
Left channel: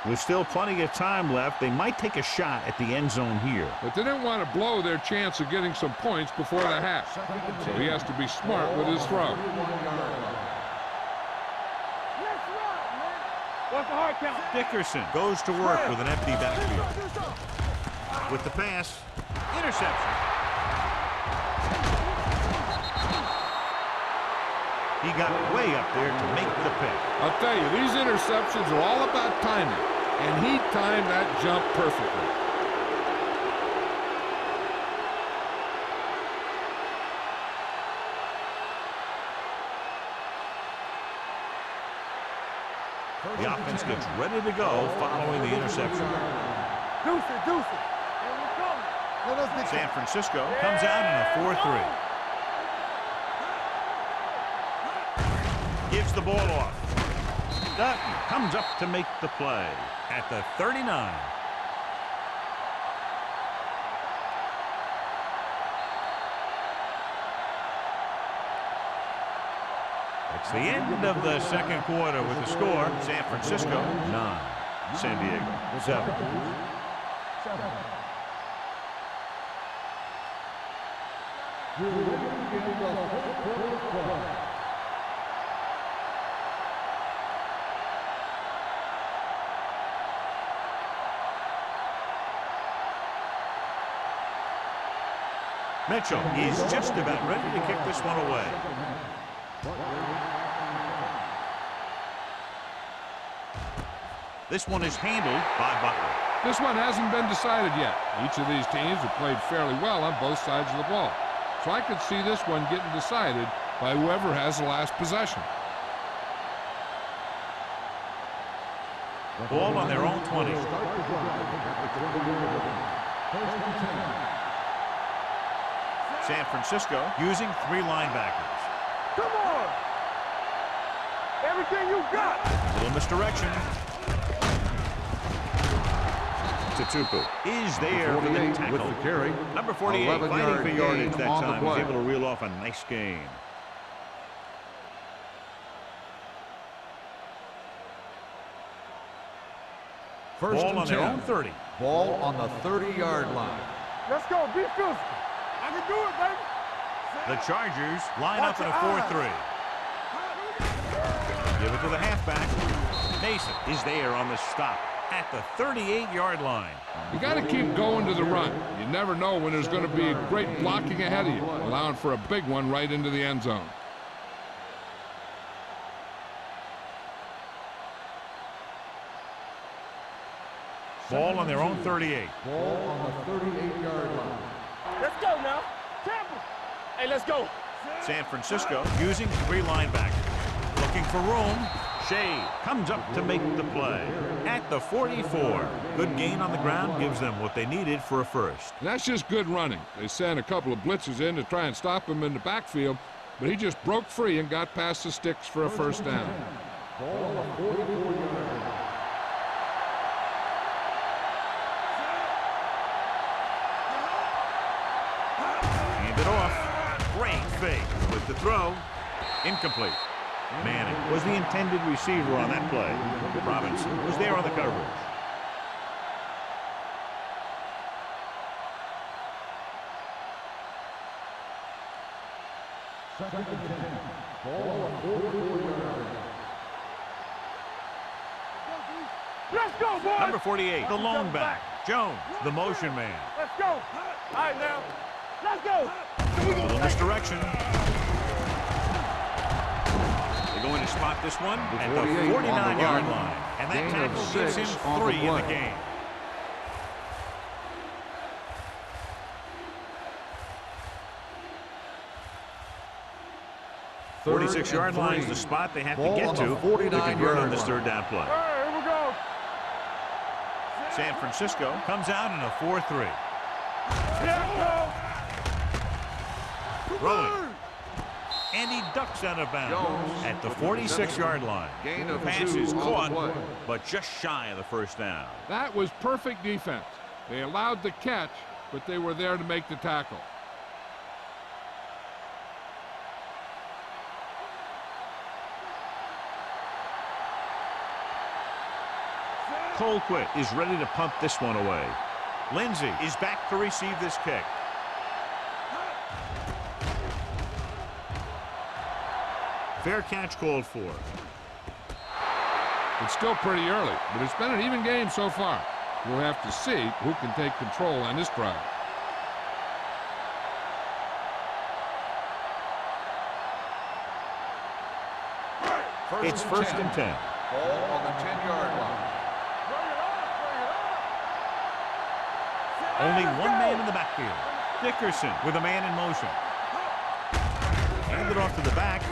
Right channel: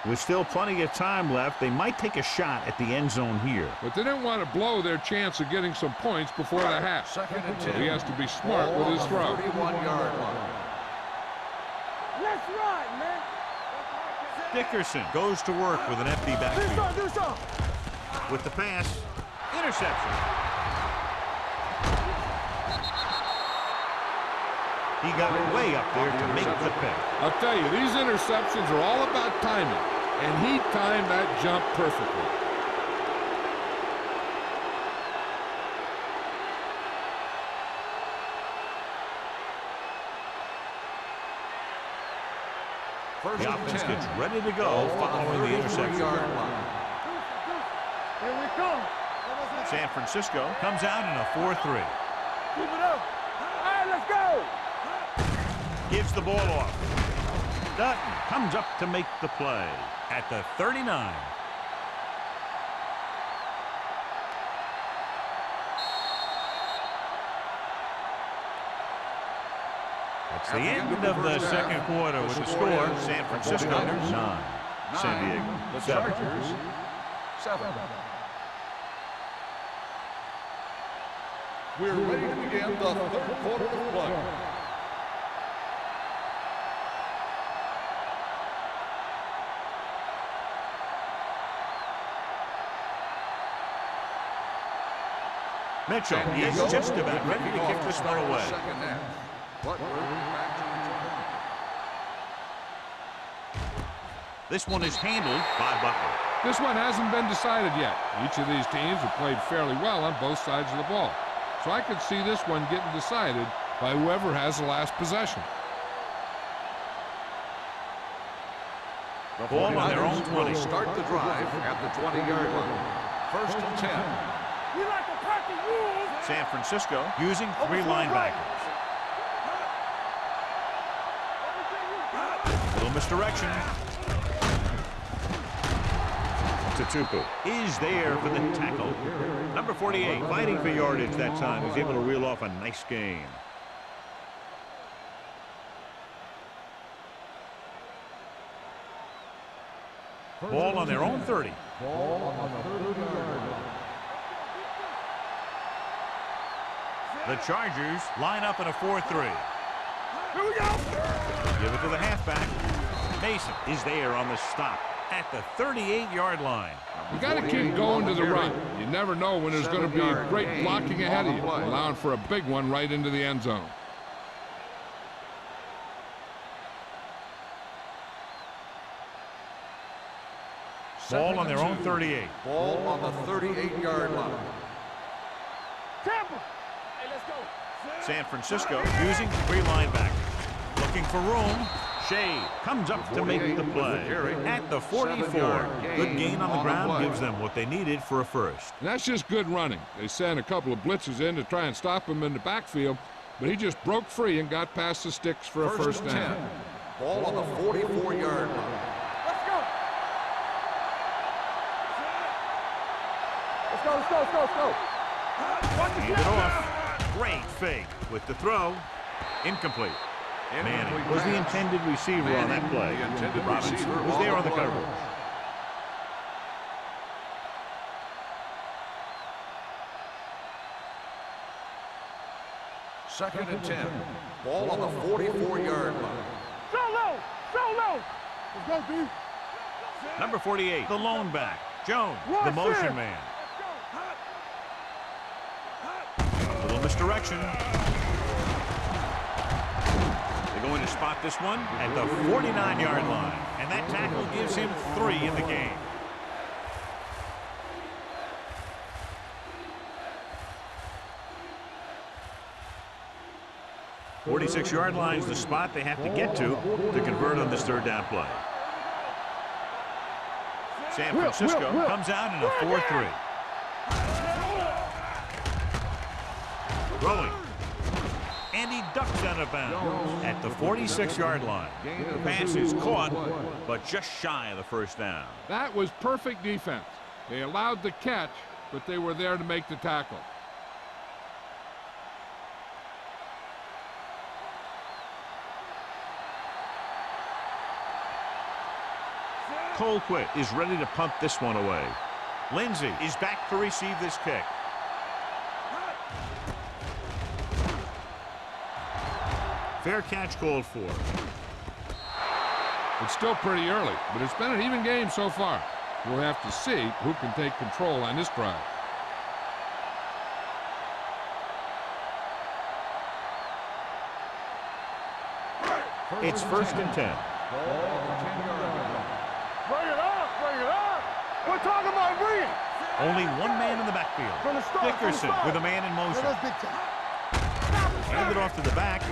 With still plenty of time left, they might take a shot at the end zone here. But they didn't want to blow their chance of getting some points before the half. Second and 10. So he has to be smart with his throw. 31-yard line. Let's ride, man. What's the hard count? Dickerson goes to work with an empty backfield. Do something. With the pass, interception. He got way up there to make the pick. I'll tell you, these interceptions are all about timing, and he timed that jump perfectly. The offense gets ready to go following the interception. Deuce it. Here we come. San Francisco comes out in a 4-3. Gives the ball off. Dutton comes up to make the play at the 39. It's the end of the second quarter with the score. San Francisco 9, San Diego 7. We're ready to begin the third quarter of play. Mitchell is just about ready to kick this one away. This one is handled by Butler. This one hasn't been decided yet. Each of these teams have played fairly well on both sides of the ball. So I could see this one getting decided by whoever has the last possession. Ball on their own 20. Start the drive at the 20-yard line. First and 10. San Francisco using 3 linebackers. A little misdirection. Tutupu is there for the tackle. Number 48 fighting for yardage that time. He's able to reel off a nice gain. Ball on their own 30. Ball on the 30-yard line. Let's go. Be physical. I can do it, baby. The Chargers line up in a 4-3. Give it to the halfback. Mason is there on the stop at the 38-yard line. You got to keep going to the run. You never know when there's going to be a great blocking ahead of you, allowing for a big one right into the end zone. Ball on their own 38. Ball on the 38-yard line. Let's go now. Tampa. Hey, let's go. San Francisco using 3 linebackers. Looking for room. Shade comes up to make the play at the 44. Good gain on the ground gives them what they needed for a first. And that's just good running. They sent a couple of blitzes in to try and stop him in the backfield, but he just broke free and got past the sticks for a first down. Ball on the 44-yard line. Hand it off. Great fake with the throw. Incomplete. Manning was the intended receiver on that play. Robinson was there on the coverage. Second and 10. Ball on the 44-yard line. Solo. Let's go, D. Let's go, boy. Number 48, the lone back. Jones, the motion man. Let's go. All right, now. Let's go. A little misdirection. They're going to spot this one at the 49-yard line. And that tackle gives him 3 in the game. 46-yard line is the spot they have to get to convert on this third down play. San Francisco comes out in a 4-3. Throwing. And he ducks out of bounds at the 46-yard line. The pass is caught, but just shy of the first down. That was perfect defense. They allowed the catch, but they were there to make the tackle. Colquitt is ready to punt this one away. Lindsey is back to receive this kick. Fair catch called for. It's still pretty early, but it's been an even game so far. We'll have to see who can take control on this drive. It's first and 10. Ball on the 10-yard line. Bring it up. We're talking about bring it. Only one man in the backfield. Dickerson with a man in motion. Hand it off to the back.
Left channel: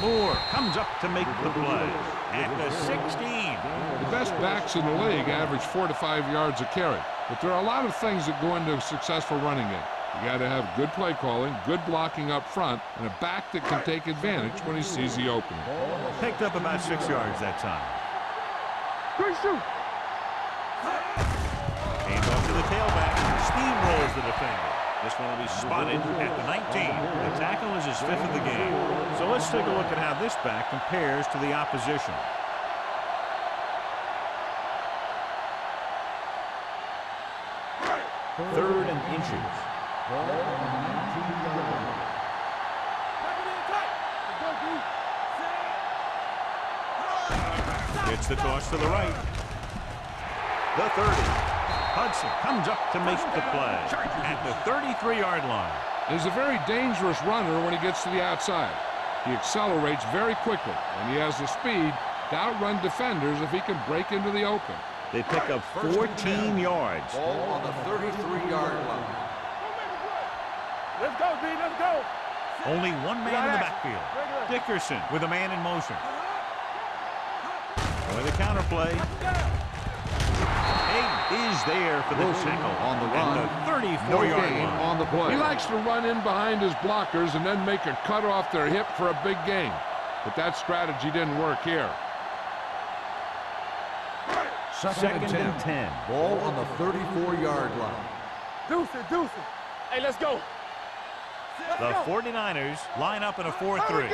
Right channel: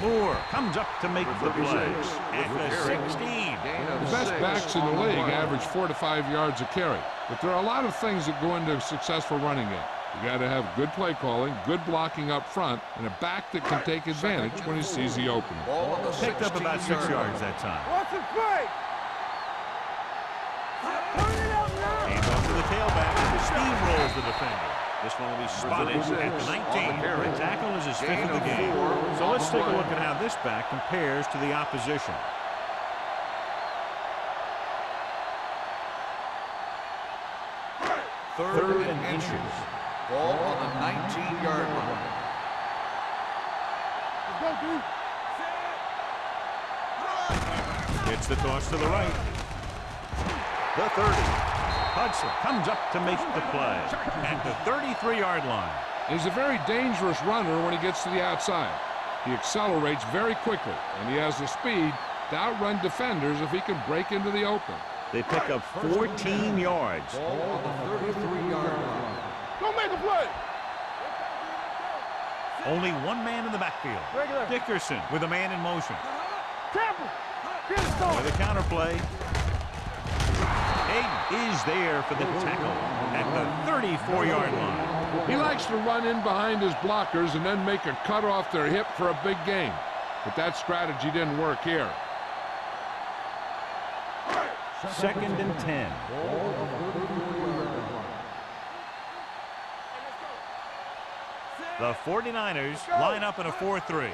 Moore comes up to make the play at the 16. The best backs in the league average 4 to 5 yards a carry, but there are a lot of things that go into a successful running game. You got to have good play calling, good blocking up front, and a back that can take advantage when he sees the opening. Picked up about 6 yards that time. Hands off to the tailback. Steamrolls the defender. This one will be spotted at the 19. The tackle is his 5th of the game. So let's take a look at how this back compares to the opposition. Third and inches. Ball on the 19-yard line. Gets the toss to the right. The 30. Hudson comes up to make the play at the 33-yard line. He's a very dangerous runner when he gets to the outside. He accelerates very quickly, and he has the speed to outrun defenders if he can break into the open. They pick up 14 yards. Ball on the 33-yard line. Let's go, D. Let's go. Only one man in the backfield. Dickerson with a man in motion. With the counter play. Hayden is there for the tackle at the 34-yard line. He likes to run in behind his blockers and then make a cut off their hip for a big gain. But that strategy didn't work here. Second and 10. Ball on the 34-yard line. Deuce it. Hey, let's go. The 49ers line up in a 4-3.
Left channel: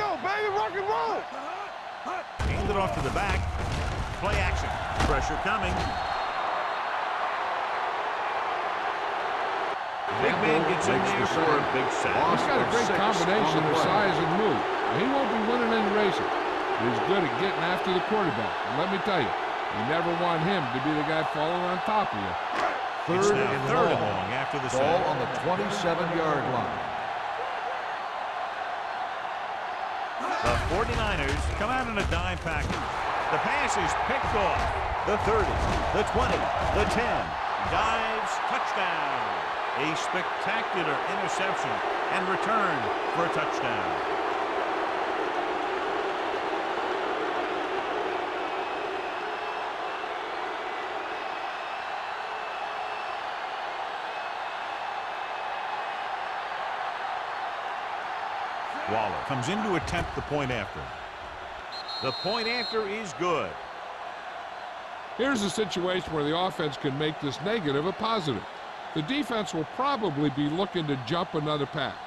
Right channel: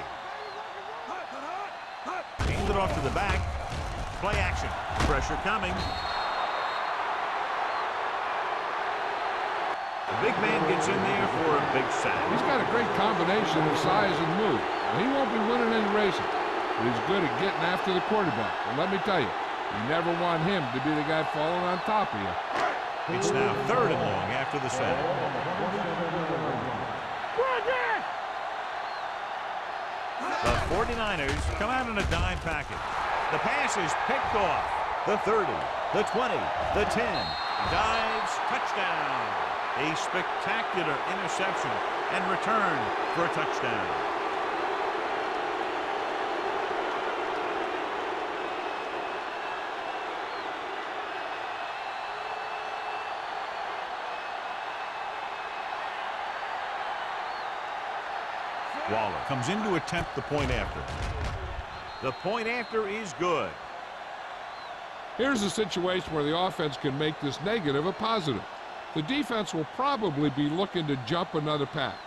Hand it off to the back. Play action. Pressure coming. The big man gets in there for a big sack. He's got a great combination of size and move. Now, he won't be winning any races, but he's good at getting after the quarterback. And let me tell you, you never want him to be the guy falling on top of you. It's now 3rd and long after the sack. Ball on the 27-yard line. The 49ers come out in a dime package. The pass is picked off. the 30, the 20, the 10. He dives, touchdown. A spectacular interception and return for a touchdown. Waller comes in to attempt the point after. The point after is good. Here's a situation where the offense can make this negative a positive. The defense will probably be looking to jump another pack,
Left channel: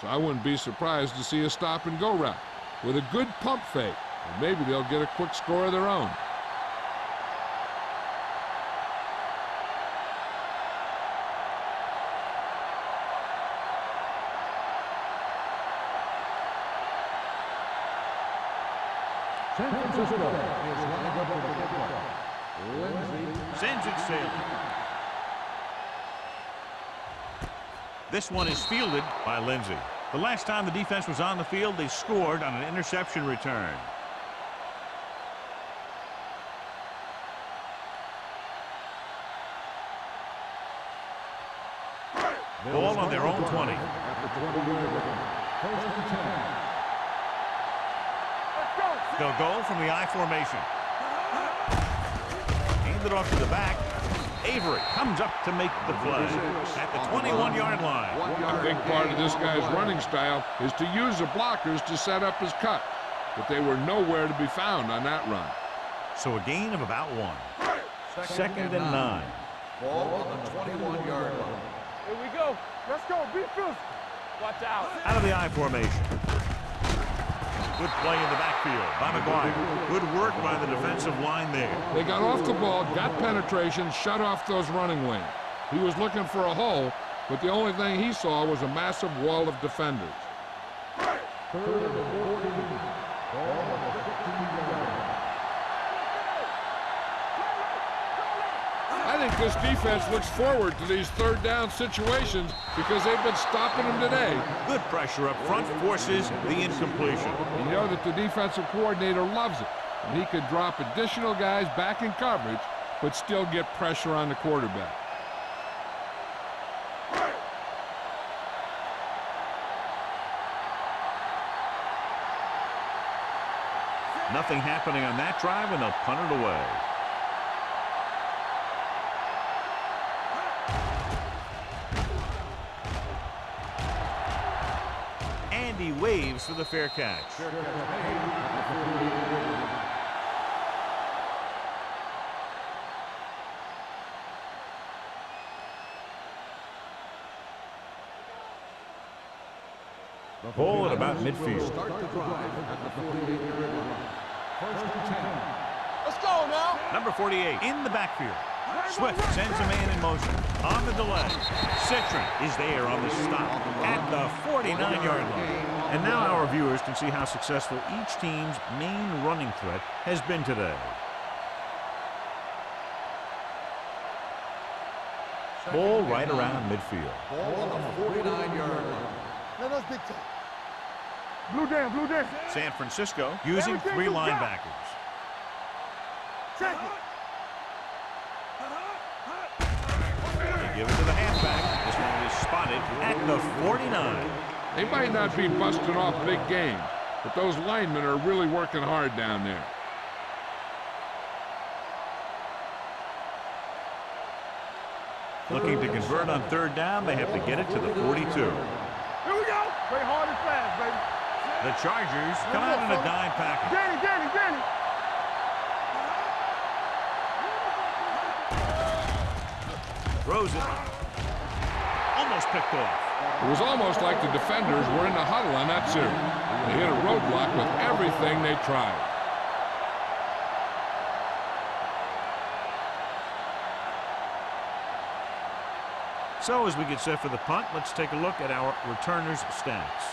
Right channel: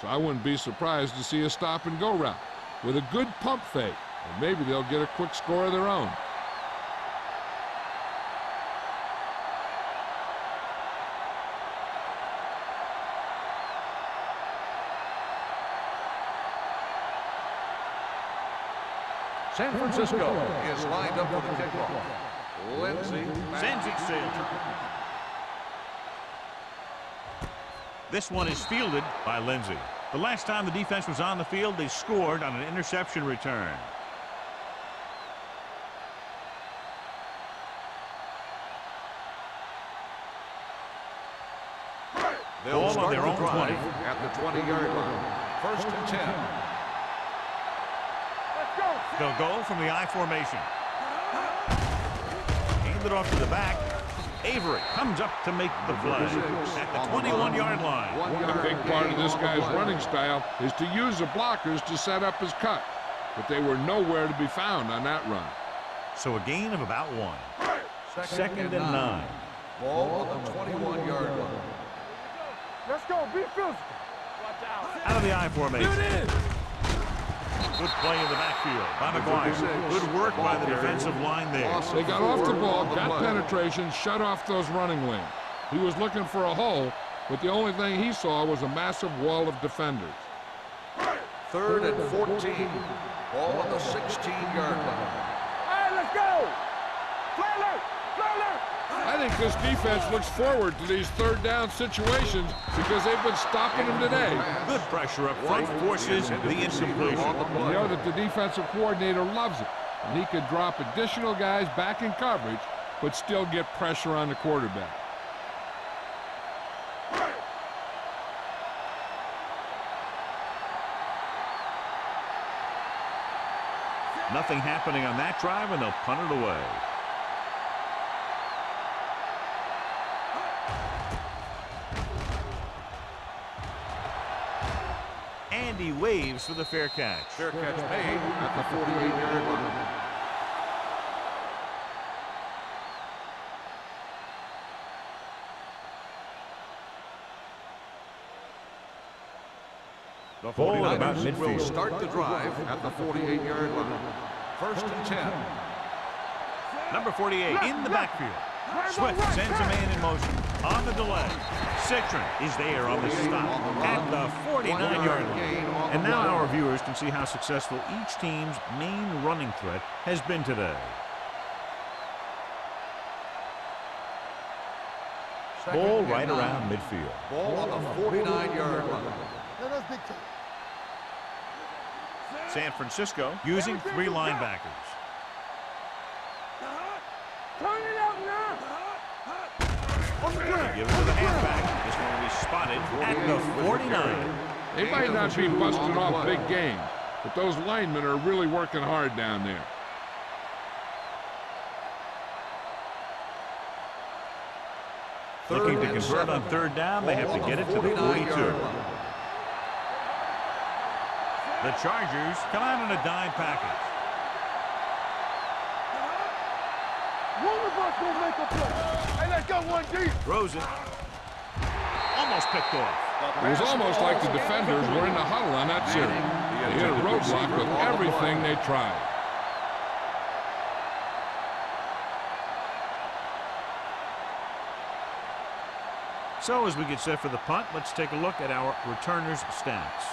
so I wouldn't be surprised to see a stop-and-go route with a good pump fake, and maybe they'll get a quick score of their own. San Francisco is lined up for the kickoff. Lindsey Sends it sailing. This one is fielded by Lindsey. The last time the defense was on the field, they scored on an interception return. Ball on their own 20. at the 20-yard line. First and 10. Let's go. They'll go from the I formation. Hand it off to the back. Avery comes up to make the play at the 21-yard line. A big part of this guy's running style is to use the blockers to set up his cut, but they were nowhere to be found on that run. So a gain of about 1. Second and 9. Ball on the 21-yard line. Here we go. Let's go. Be physical. Watch out. Out of the I formation. Good play in the backfield by McGuire. Good work by the defensive line there. They got off the ball, got penetration, shut off those running lanes. He was looking for a hole, but the only thing he saw was a massive wall of defenders. Third and 14. Ball on the 16-yard line. Let's go. Fly low. Fly low. I think this defense looks forward to these third down situations because they've been stopping them today. Good pressure up front forces the incompletion. You know that the defensive coordinator loves it when he can drop additional guys back in coverage but still get pressure on the quarterback. Nothing happening on that drive, and they'll punt it away. And he waves for the fair catch. Fair catch made at the 48-yard line. The Ball at about 49ers will midfield. start the drive at the 48-yard line. First and 10. Let's go now. Number 48 in the backfield. Swift sends a man in motion. On the delay, Citron is there on the stop at the 49-yard line. And now our viewers can see how successful each team's main running threat has been today. Ball right around midfield. Ball on the 49-yard line. Let us dictate. Blue down, blue down. San Francisco using 3 linebackers. Turn it out They give it to the halfback. This one will be spotted at the 49. They might not be busting off big games, but those linemen are really working hard down there. Looking to convert on third down, they have to get it to the 42. The Chargers come out in a dime package. Throws it. Almost picked off. It was almost like the defenders were in the huddle on that series. They hit a roadblock with everything they tried. So as we get set for the punt, let's take a look at our returners' stats.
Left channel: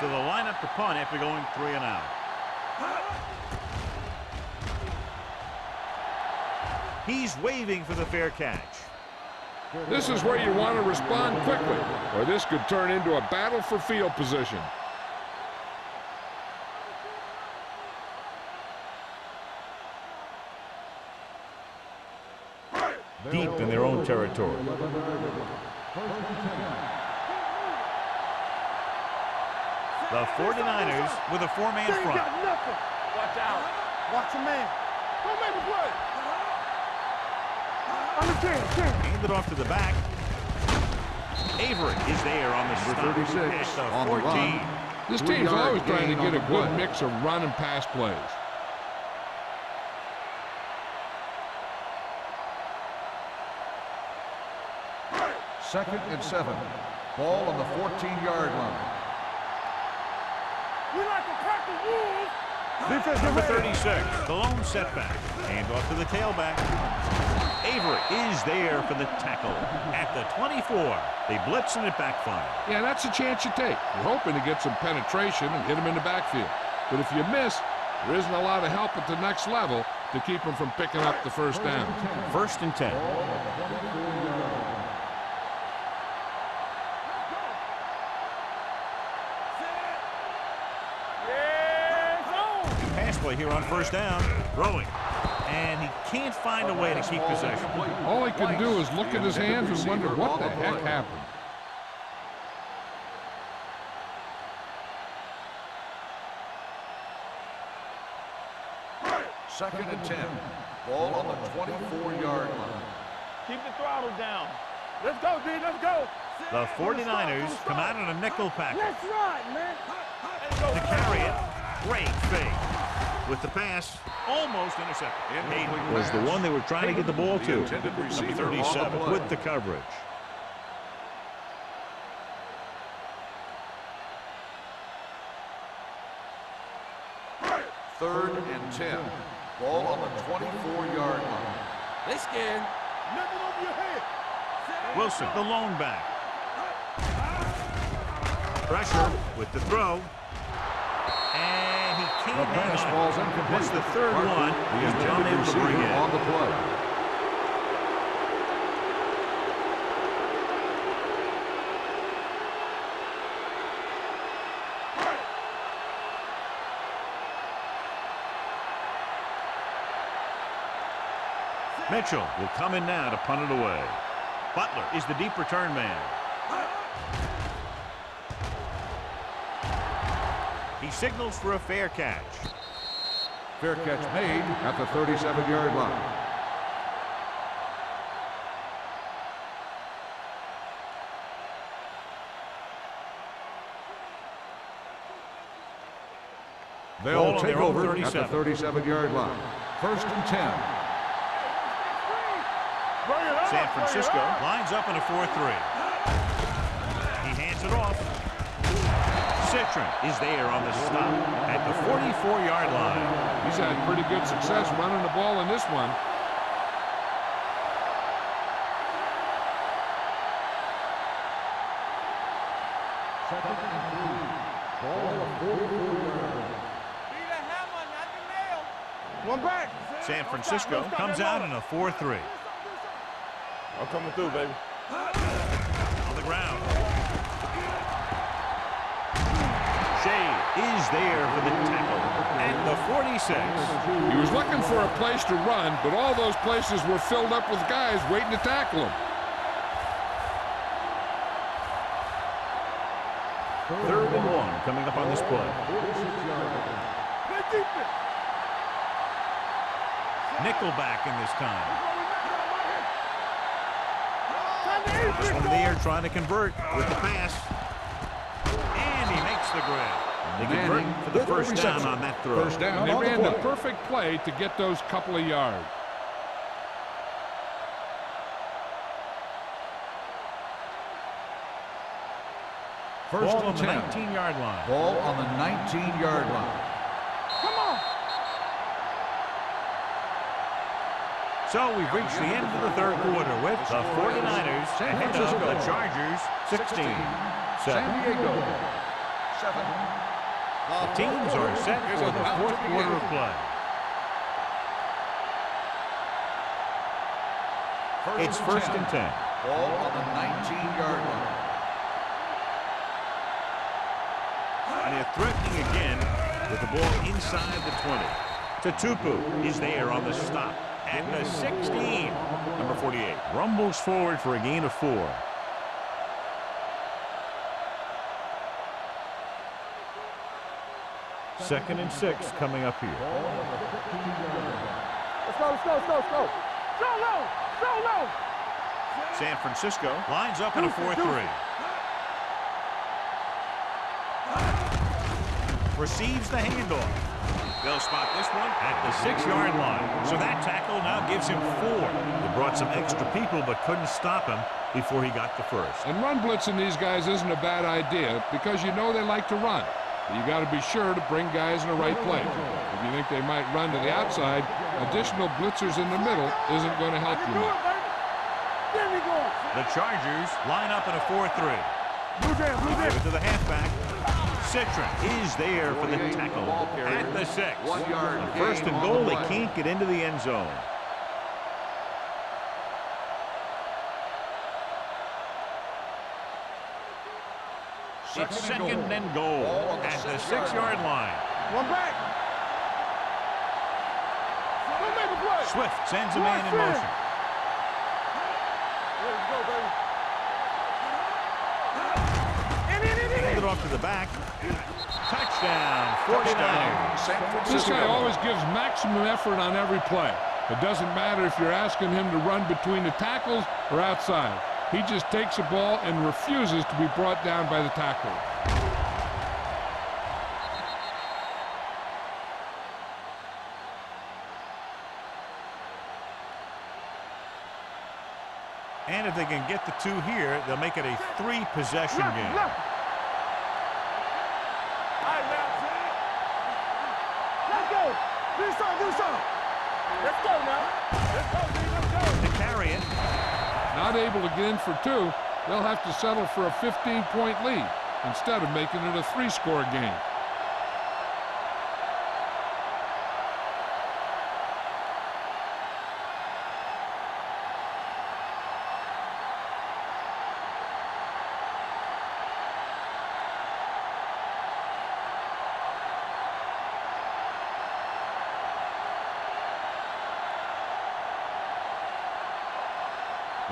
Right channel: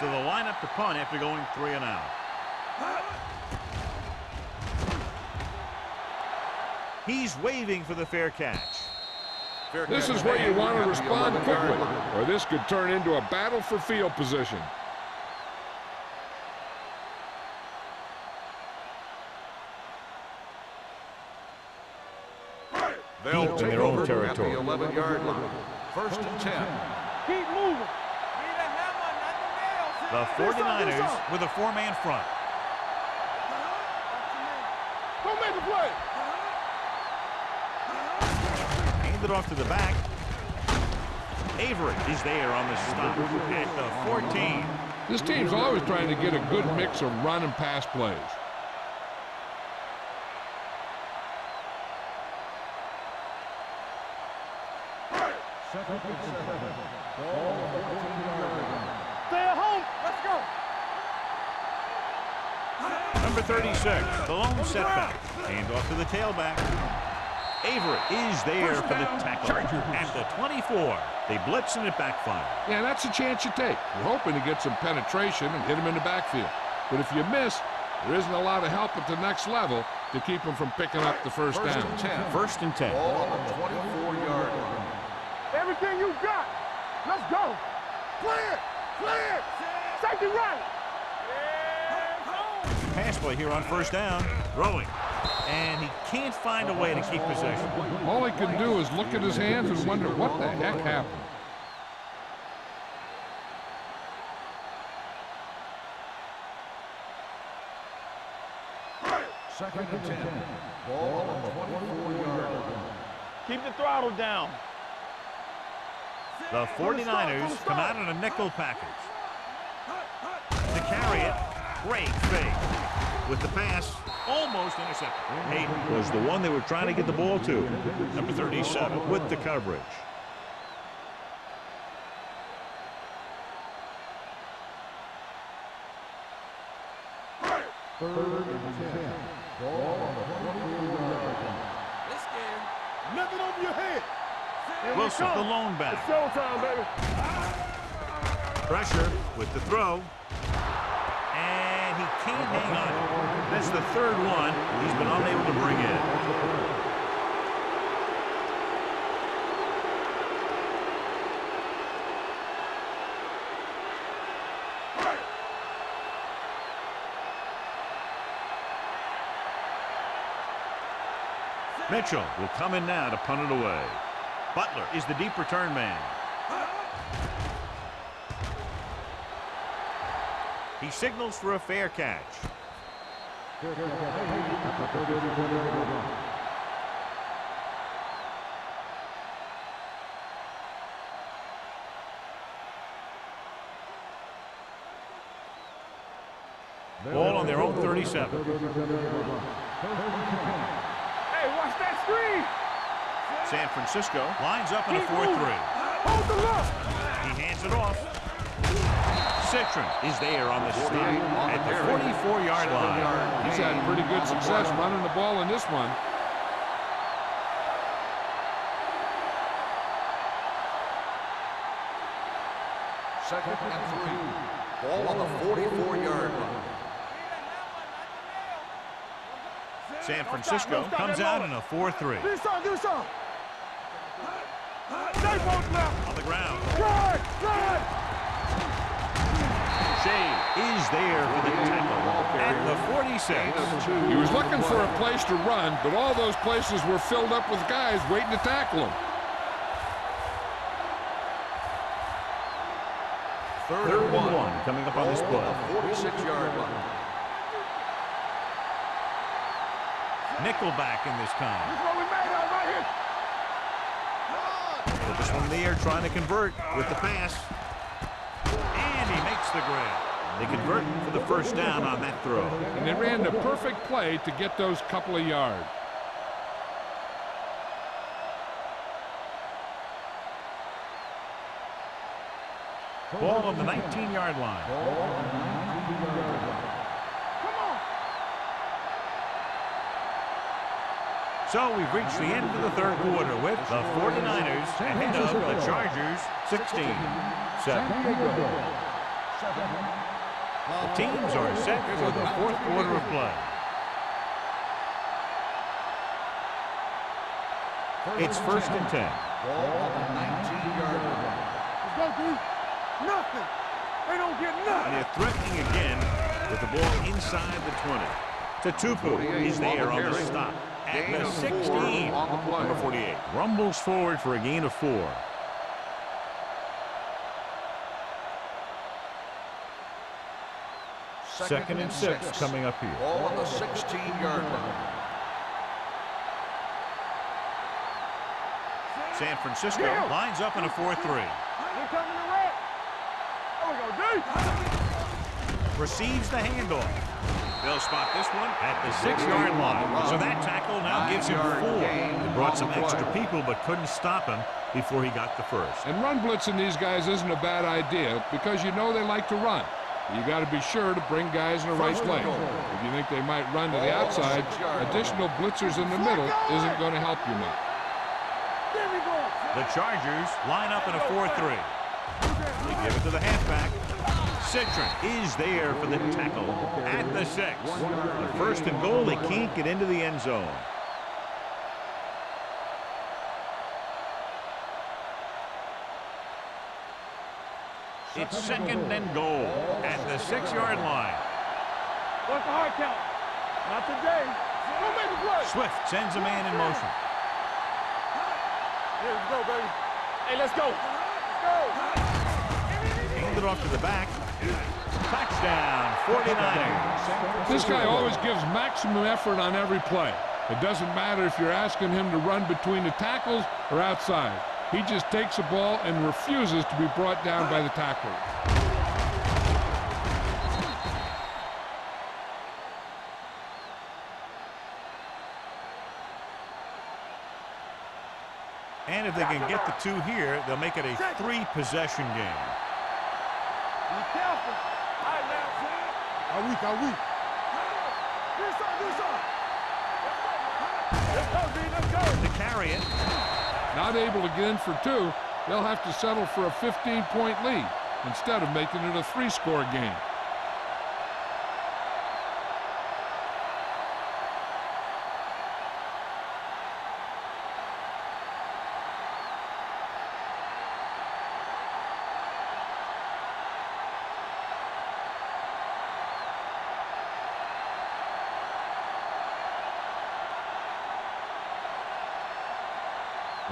So they'll line up to punt after going 3 and out. He's waving for the fair catch. This is where you want to respond quickly, or this could turn into a battle for field position. deep in their own territory. 11-yard line. First and 10. Keep moving. The 49ers with a four-man front. Watch your man. Go make a play. Hand it off to the back. Avery is there on the stop at the 14. This team's always trying to get a good mix of run and pass plays. Second and 7. Ball on the 14-yard line. Stay at home. Let's go. We like to crack the wolves. Number 36, the lone setback. Hand off to the tailback. Avery is there for the tackle at the 24. They blitz and it backfires. Yeah, that's a chance you take. You're hoping to get some penetration and hit him in the backfield. But if you miss, there isn't a lot of help at the next level to keep him from picking up the first down. First and 10. Ball on the 24-yard line. Everything you got. Let's go. Clear. Safety right. Yeah. Pass play here on first down. Throwing. And he can't find a way to keep possession. All he can do is look at his hands and wonder what the heck happened. Second and 10. Ball on the 24-yard line. Keep the throttle down. Let's go, D. Let's go. The 49ers come out in a nickel package. That's right, man. To carry it, great fake. With the pass, almost intercepted. Hayden was the one they were trying to get the ball to. Number 37 with the coverage. Third and 10. Ball on the 24-yard line. They scared. Nothing over your head. Wilson, the lone back. Showtime, baby. Pressure with the throw. And he can't hang on. That's the third one he's been unable to bring in. On the play. Mitchell will come in now to punt it away. Butler is the deep return man. He signals for a fair catch. Fair catch made at the 37-yard line. Ball on their own 37. 37-yard line. First and 10. Hey, watch that screen. San Francisco lines up in a 4-3. He hands it off. Citron is there on the stop at the 44-yard line. He's had pretty good success running the ball in this one. Second and 3. Ball on the 44-yard line. One back. San Francisco comes out in a 4-3. Do something. I'm coming through, baby. On the ground. Shea is there for the tackle at the 46. He was looking for a place to run, but all those places were filled up with guys waiting to tackle him. Third and 1 coming up on this play. 46-yard line. Nickelback in this time. This is what we made out right here. This one there trying to convert with the pass. And he makes the grab. They convert for the first down on that throw. And they ran the perfect play to get those couple of yards. Ball on the 19-yard line. Ball on the 19-yard line. Come on. So we've reached the end of the third quarter with the 49ers ahead of the Chargers 16-7. San Diego 7. The teams are set for the fourth quarter of play. It's first and 10. Ball on the 19-yard line. Nothing. They don't get nothing. And they're threatening again with the ball inside the 20. Tatupu is there on the stop at the 16. Number 48 rumbles forward for a gain of 4. Second and 6 coming up here. Ball on the 16-yard line. Let's go, let's go, let's go, let's go. Go low, go low. San Francisco lines up in a 4-3. Receives the handoff. They'll spot this one at the 6-yard line. So that tackle now gives him 4. They brought some extra people but couldn't stop him before he got the first. And run blitzing these guys isn't a bad idea because you know they like to run. But you got to be sure to bring guys in the right place. If you think they might run to the outside, additional blitzers in the middle isn't going to help you much. The Chargers line up in a 4-3. They give it to the halfback. Citron is there for the tackle at the 6. On first and goal, they can't get into the end zone. It's second and goal at the 6-yard line. One back. What's the hard count? Not today. Go make a play. Swift sends a man in motion. Yeah, let's go, baby. Hey, let's go. Hand it off to the back. Touchdown, 49ers. This guy always gives maximum effort on every play. It doesn't matter if you're asking him to run between the tackles or outside. He just takes the ball and refuses to be brought down by the tackler. And if they can get the 2 here, they'll make it a 3-possession game. How weak. Let's go. Do something. Let's go now. Let's go, D. Let's go. To carry it. Not able to get in for 2, they'll have to settle for a 15-point lead instead of making it a 3-score game.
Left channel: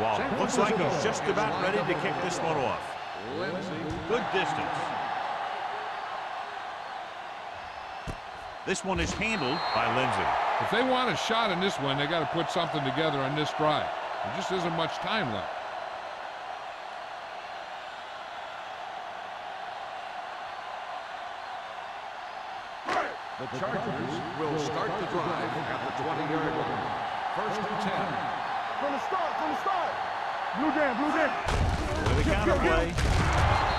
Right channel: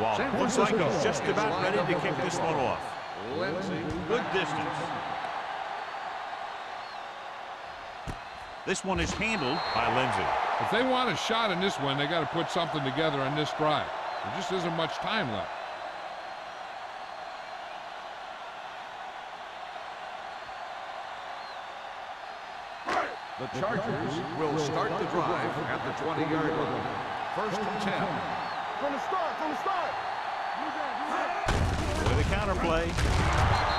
Waller looks like he's just about ready to kick this one off. Good distance. This one is handled by Lindsey. If they want a shot in this one, they got to put something together on this drive. There just isn't much time left. The Chargers will start the drive at the 20-yard line. First and 10. From the start. Blue jam. With a counterplay.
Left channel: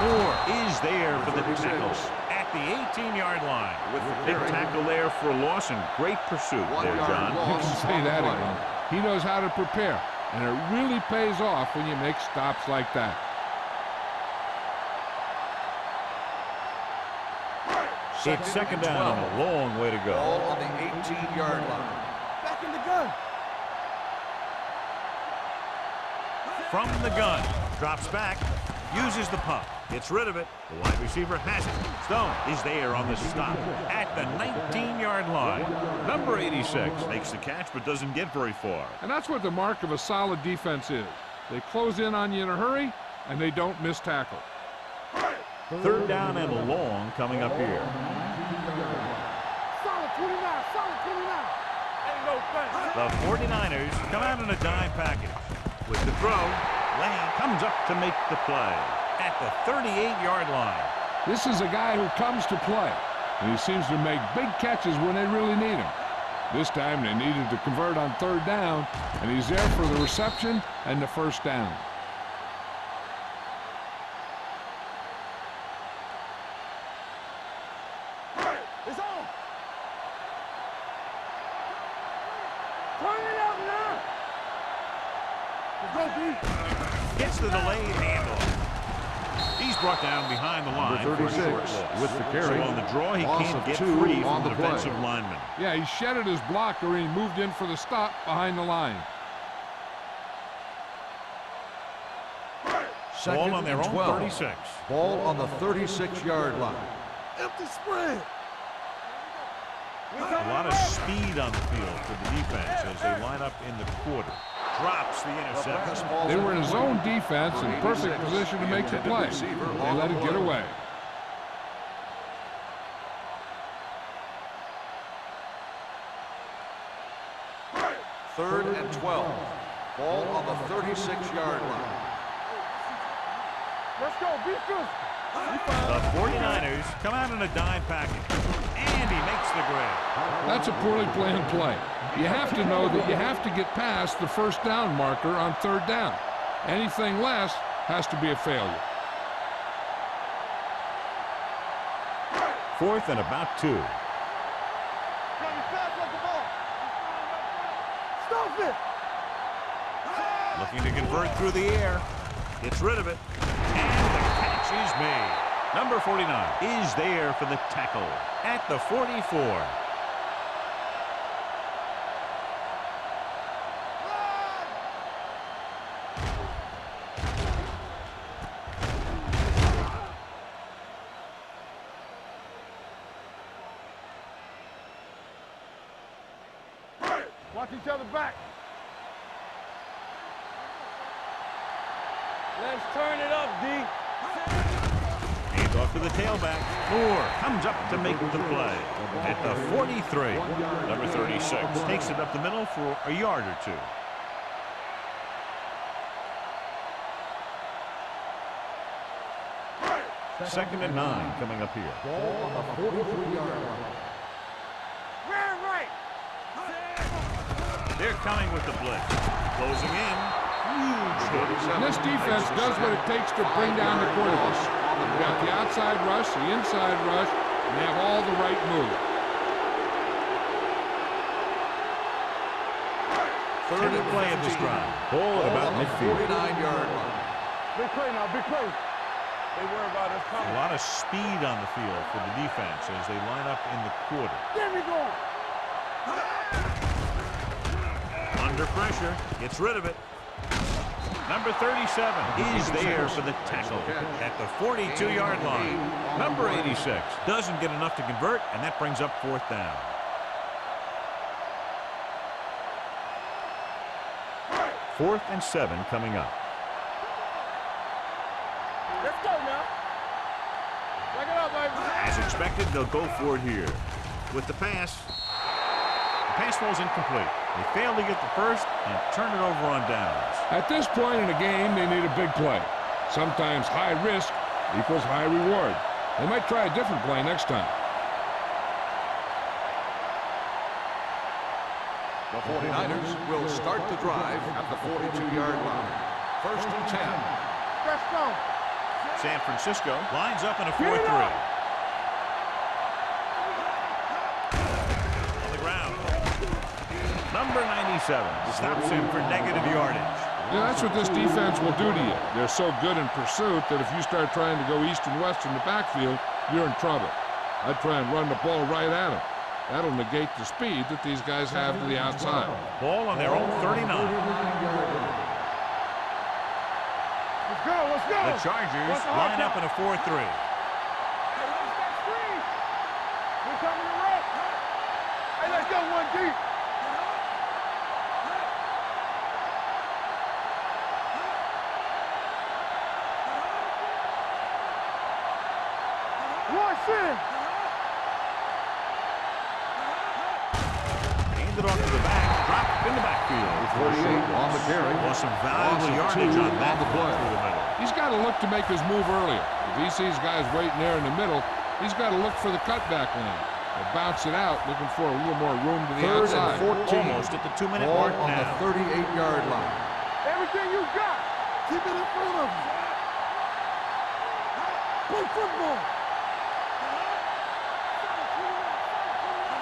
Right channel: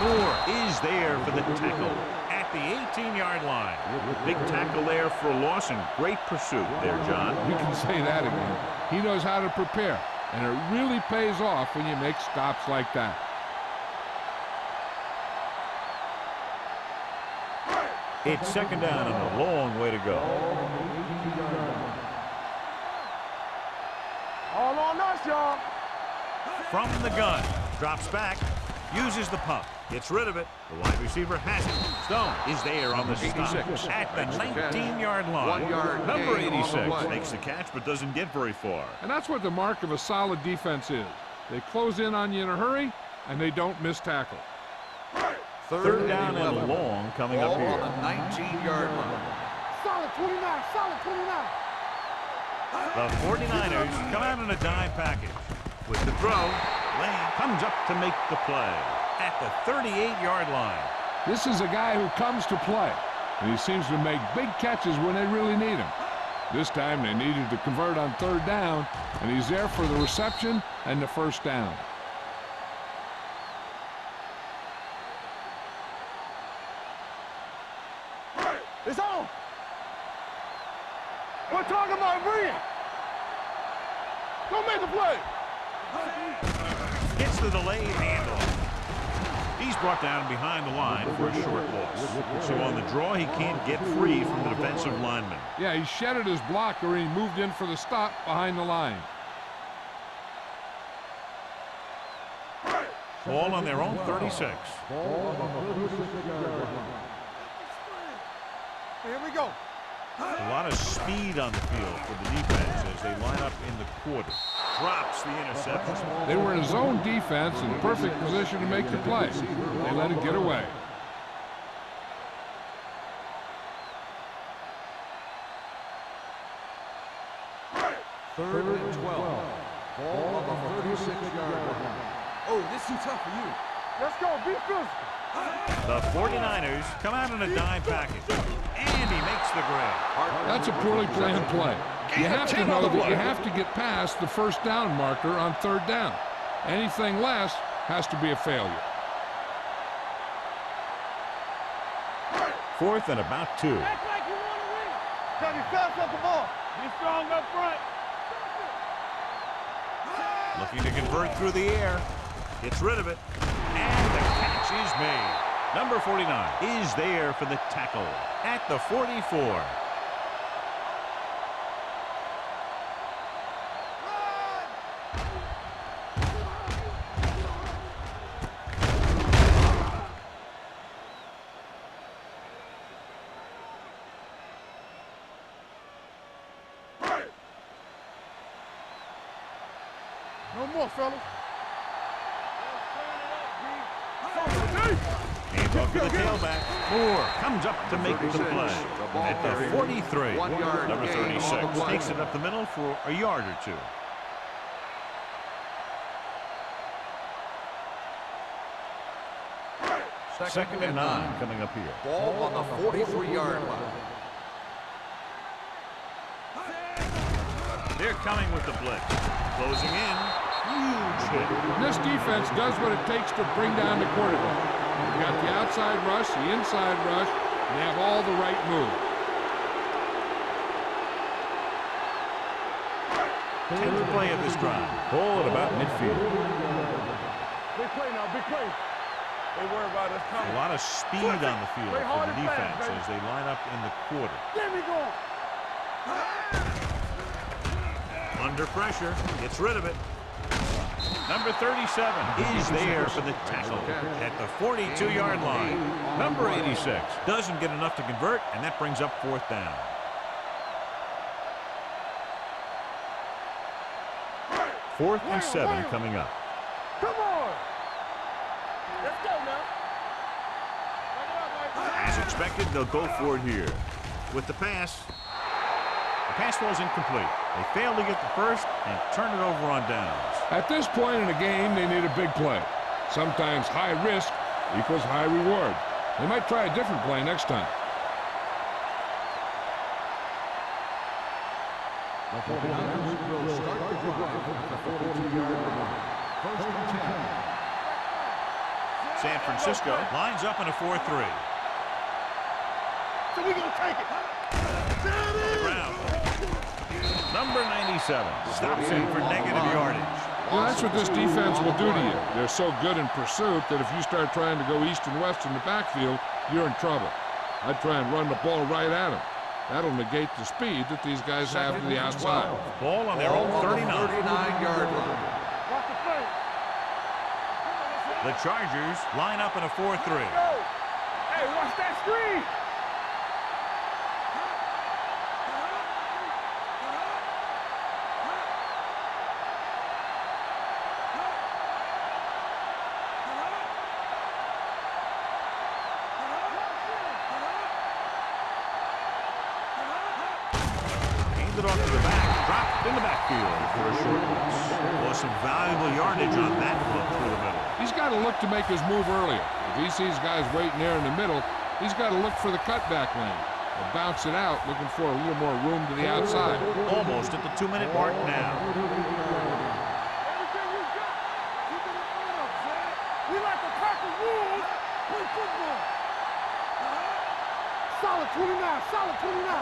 Moore is there for the tackle at the 18-yard line. Big tackle there for a loss and great pursuit there, John. You can say that again. He knows how to prepare, and it really pays off when you make stops like that. It's second down and a long way to go. Ball on the 18-yard line. Back in the gun. All on us, y'all. From the gun. Drops back. Uses the pump. Gets rid of it. The wide receiver has it. Stone is there on the stop at the 19-yard line. Number 86 makes the catch but doesn't get very far. And that's what the mark of a solid defense is. They close in on you in a hurry, and they don't miss tackle. Third down and long coming up here. 19-yard line. Solid 29. The 49ers come out in a dime package. With the throw, Lane comes up to make the play at the 38-yard line. This is a guy who comes to play, and he seems to make big catches when they really need him. This time they needed to convert on third down, and he's there for the reception and the first down. It's on. We're talking about bringing. Turn it out now. Go make a play. Gets the delayed handoff. He's brought down behind the line for a short loss. So on the draw, he can't get free from the defensive lineman. Yeah, he shedded his blocker and he moved in for the stop behind the line. Ball on their own 36. Ball on the 36-yard line. Empty spread. Here we go. A lot of speed on the field for the defense as they line up in the quarter. Drops the interception. They were in a zone defense in perfect position to make the play. They let it get away. Third and 12. Ball on the 36-yard line. Oh, this is tough for you. Let's go, be physical. The 49ers come out in a dime package, and he makes the grab. That's a poorly planned play. You have to know that you have to get past the first down marker on third down. Anything less has to be a failure. Fourth and about 2. Act like you want to win. Gotta be fast off the ball. Be strong up front. Stop it. Looking to convert through the air. Gets rid of it. And the catch is made. Number 49 is there for the tackle at the 44. Run! Watch each other back. No more, fellas. Let's turn it up, D. Hands off to the tailback. Moore comes up to make the play at the 43. Number 36 takes it up the middle for a yard or two. Second and 9 coming up here. Ball on the 43-yard line. They're coming with the blitz. Closing in. Huge hit. And this defense does what it takes to bring down the quarterback. You've got the outside rush, the inside rush, and they have all the right moves. 10th play of this drive. Ball at about midfield. 49-yard line. Big play now, big play. They worry about us coming. A lot of speed on the field for the defense as they line up in the quarter. Get me going. Under pressure, gets rid of it. Number 37 is there for the tackle at the 42-yard line. Number 86 doesn't get enough to convert, and that brings up fourth down. Fourth and 7 coming up. Come on. Let's go now. Back it up, baby. As expected, they'll go for it here. With the pass falls incomplete. They fail to get the first and turn it over on downs. At this point in the game, they need a big play. Sometimes high risk equals high reward. They might try a different play next time. The 49ers will start the drive at the 42-yard line. First and 10. Let's go. San Francisco lines up in a 4-3. So we gonna take it. On the ground. Number 97 stops him for negative yardage. Yeah, that's what this defense will do to you. They're so good in pursuit that if you start trying to go east and west in the backfield, you're in trouble. I'd try and run the ball right at them. That'll negate the speed that these guys have to the outside. Ball on their own 39. 39-yard line. Watch the play. Let's go, let's go. The Chargers line up in a 4-3. Hey, watch that screen. We're coming to run. Hey, let's go, 1G. Handed off to the back, dropped in the backfield for a short loss. Lost some valuable yardage on that hook through the middle. He's got to look to make his move earlier. If he sees guys waiting there in the middle, he's got to look for the cutback lane. Or bounce it out, looking for a little more room to the outside. Almost at the 2-minute mark now. 38-yard line. Everything you got, keep it in front of you. We like to practice rules. Play football. Solid 29, solid 29.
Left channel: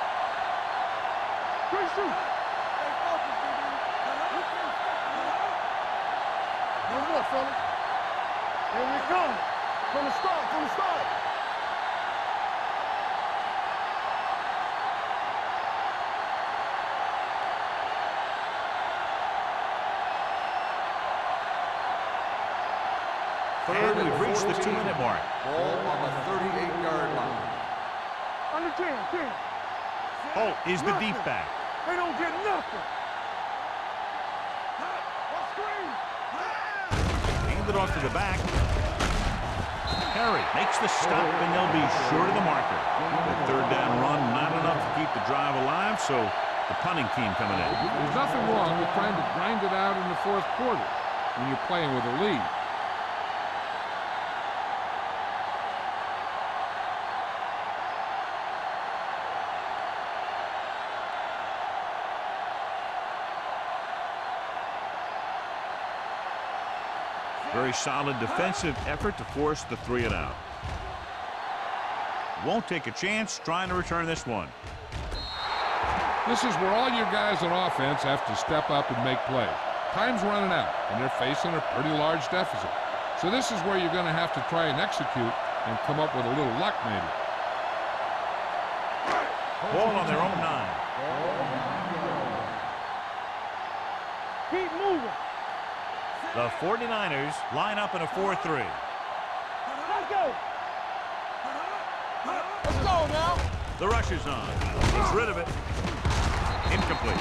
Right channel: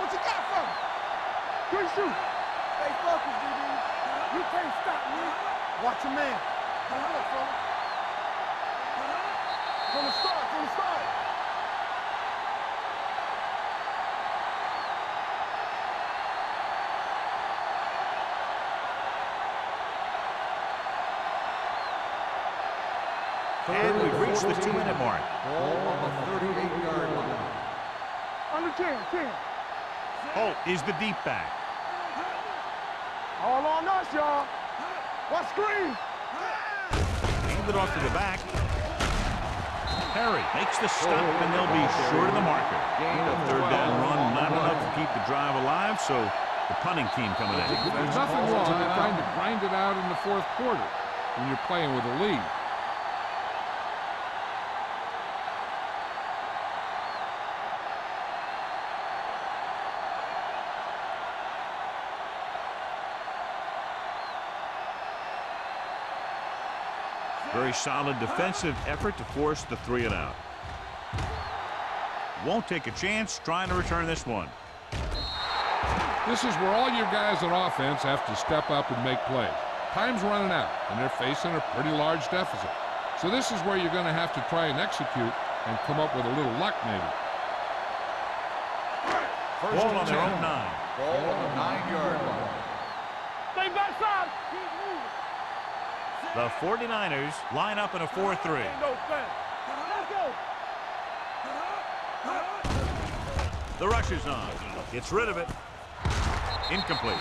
What you got for me? Good shoot. Stay focused, DB. You can't stop me. Watch your man. One more, fella. Here we go. From the start, from the start. And we've reached the 2-minute mark. Ball on the 38-yard line. Under 10, 10. Holt is the deep back. We don't get nothing. All on us, y'all. What screen? Hand it off to the back. Perry makes the stop, and they'll be short of the marker. The third down run, not enough to keep the drive alive, so the punting team coming in. There's nothing wrong with trying to grind it out in the fourth quarter when you're playing with a lead. Very solid defensive effort to force the 3-and-out. Won't take a chance trying to return this one. This is where all your guys on offense have to step up and make plays. Time's running out, and they're facing a pretty large deficit. So this is where you're going to have to try and execute and come up with a little luck, maybe. Ball on their own 9. Ball on the 9-yard line. Stay backside. Keep moving. The 49ers line up in a 4-3. Let's go. Let's go now. The rush is on. Gets rid of it. Incomplete.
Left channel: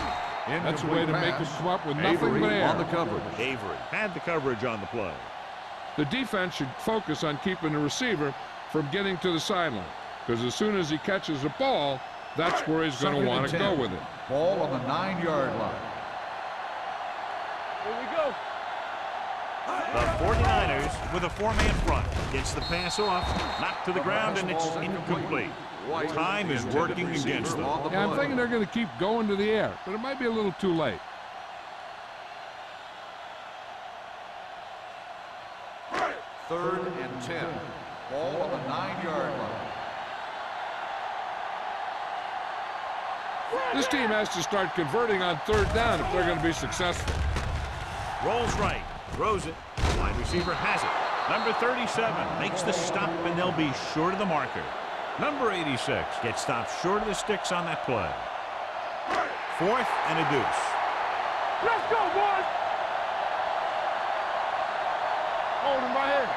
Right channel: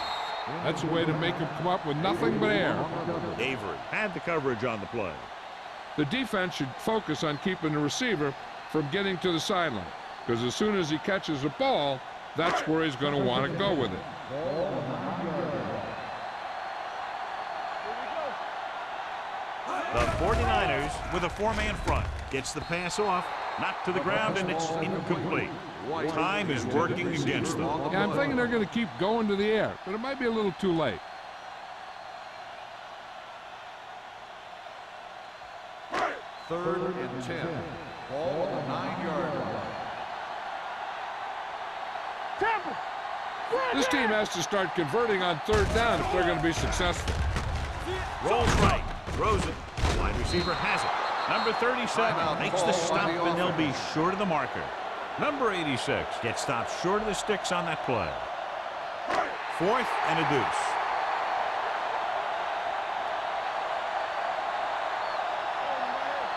That's a way to make them come up with nothing but air. Avery had the coverage on the play. The defense should focus on keeping the receiver from getting to the sideline, because as soon as he catches the ball, that's where he's going to want to go with it. Ball on the 9-yard line. Here we go. The 49ers with a 4-man front. Gets the pass off, knocked to the ground, and it's incomplete. Time is working against them. Yeah, I'm thinking they're going to keep going to the air, but it might be a little too late. Third and 10. Ball on the 9-yard line. This team has to start converting on third down if they're going to be successful. Rolls right, throws it. Wide receiver has it. Number 37 makes the stop, and they'll be short of the marker. Number 86 gets stopped short of the sticks on that play. 4th and a deuce. Let's go, boys. Hold him right here.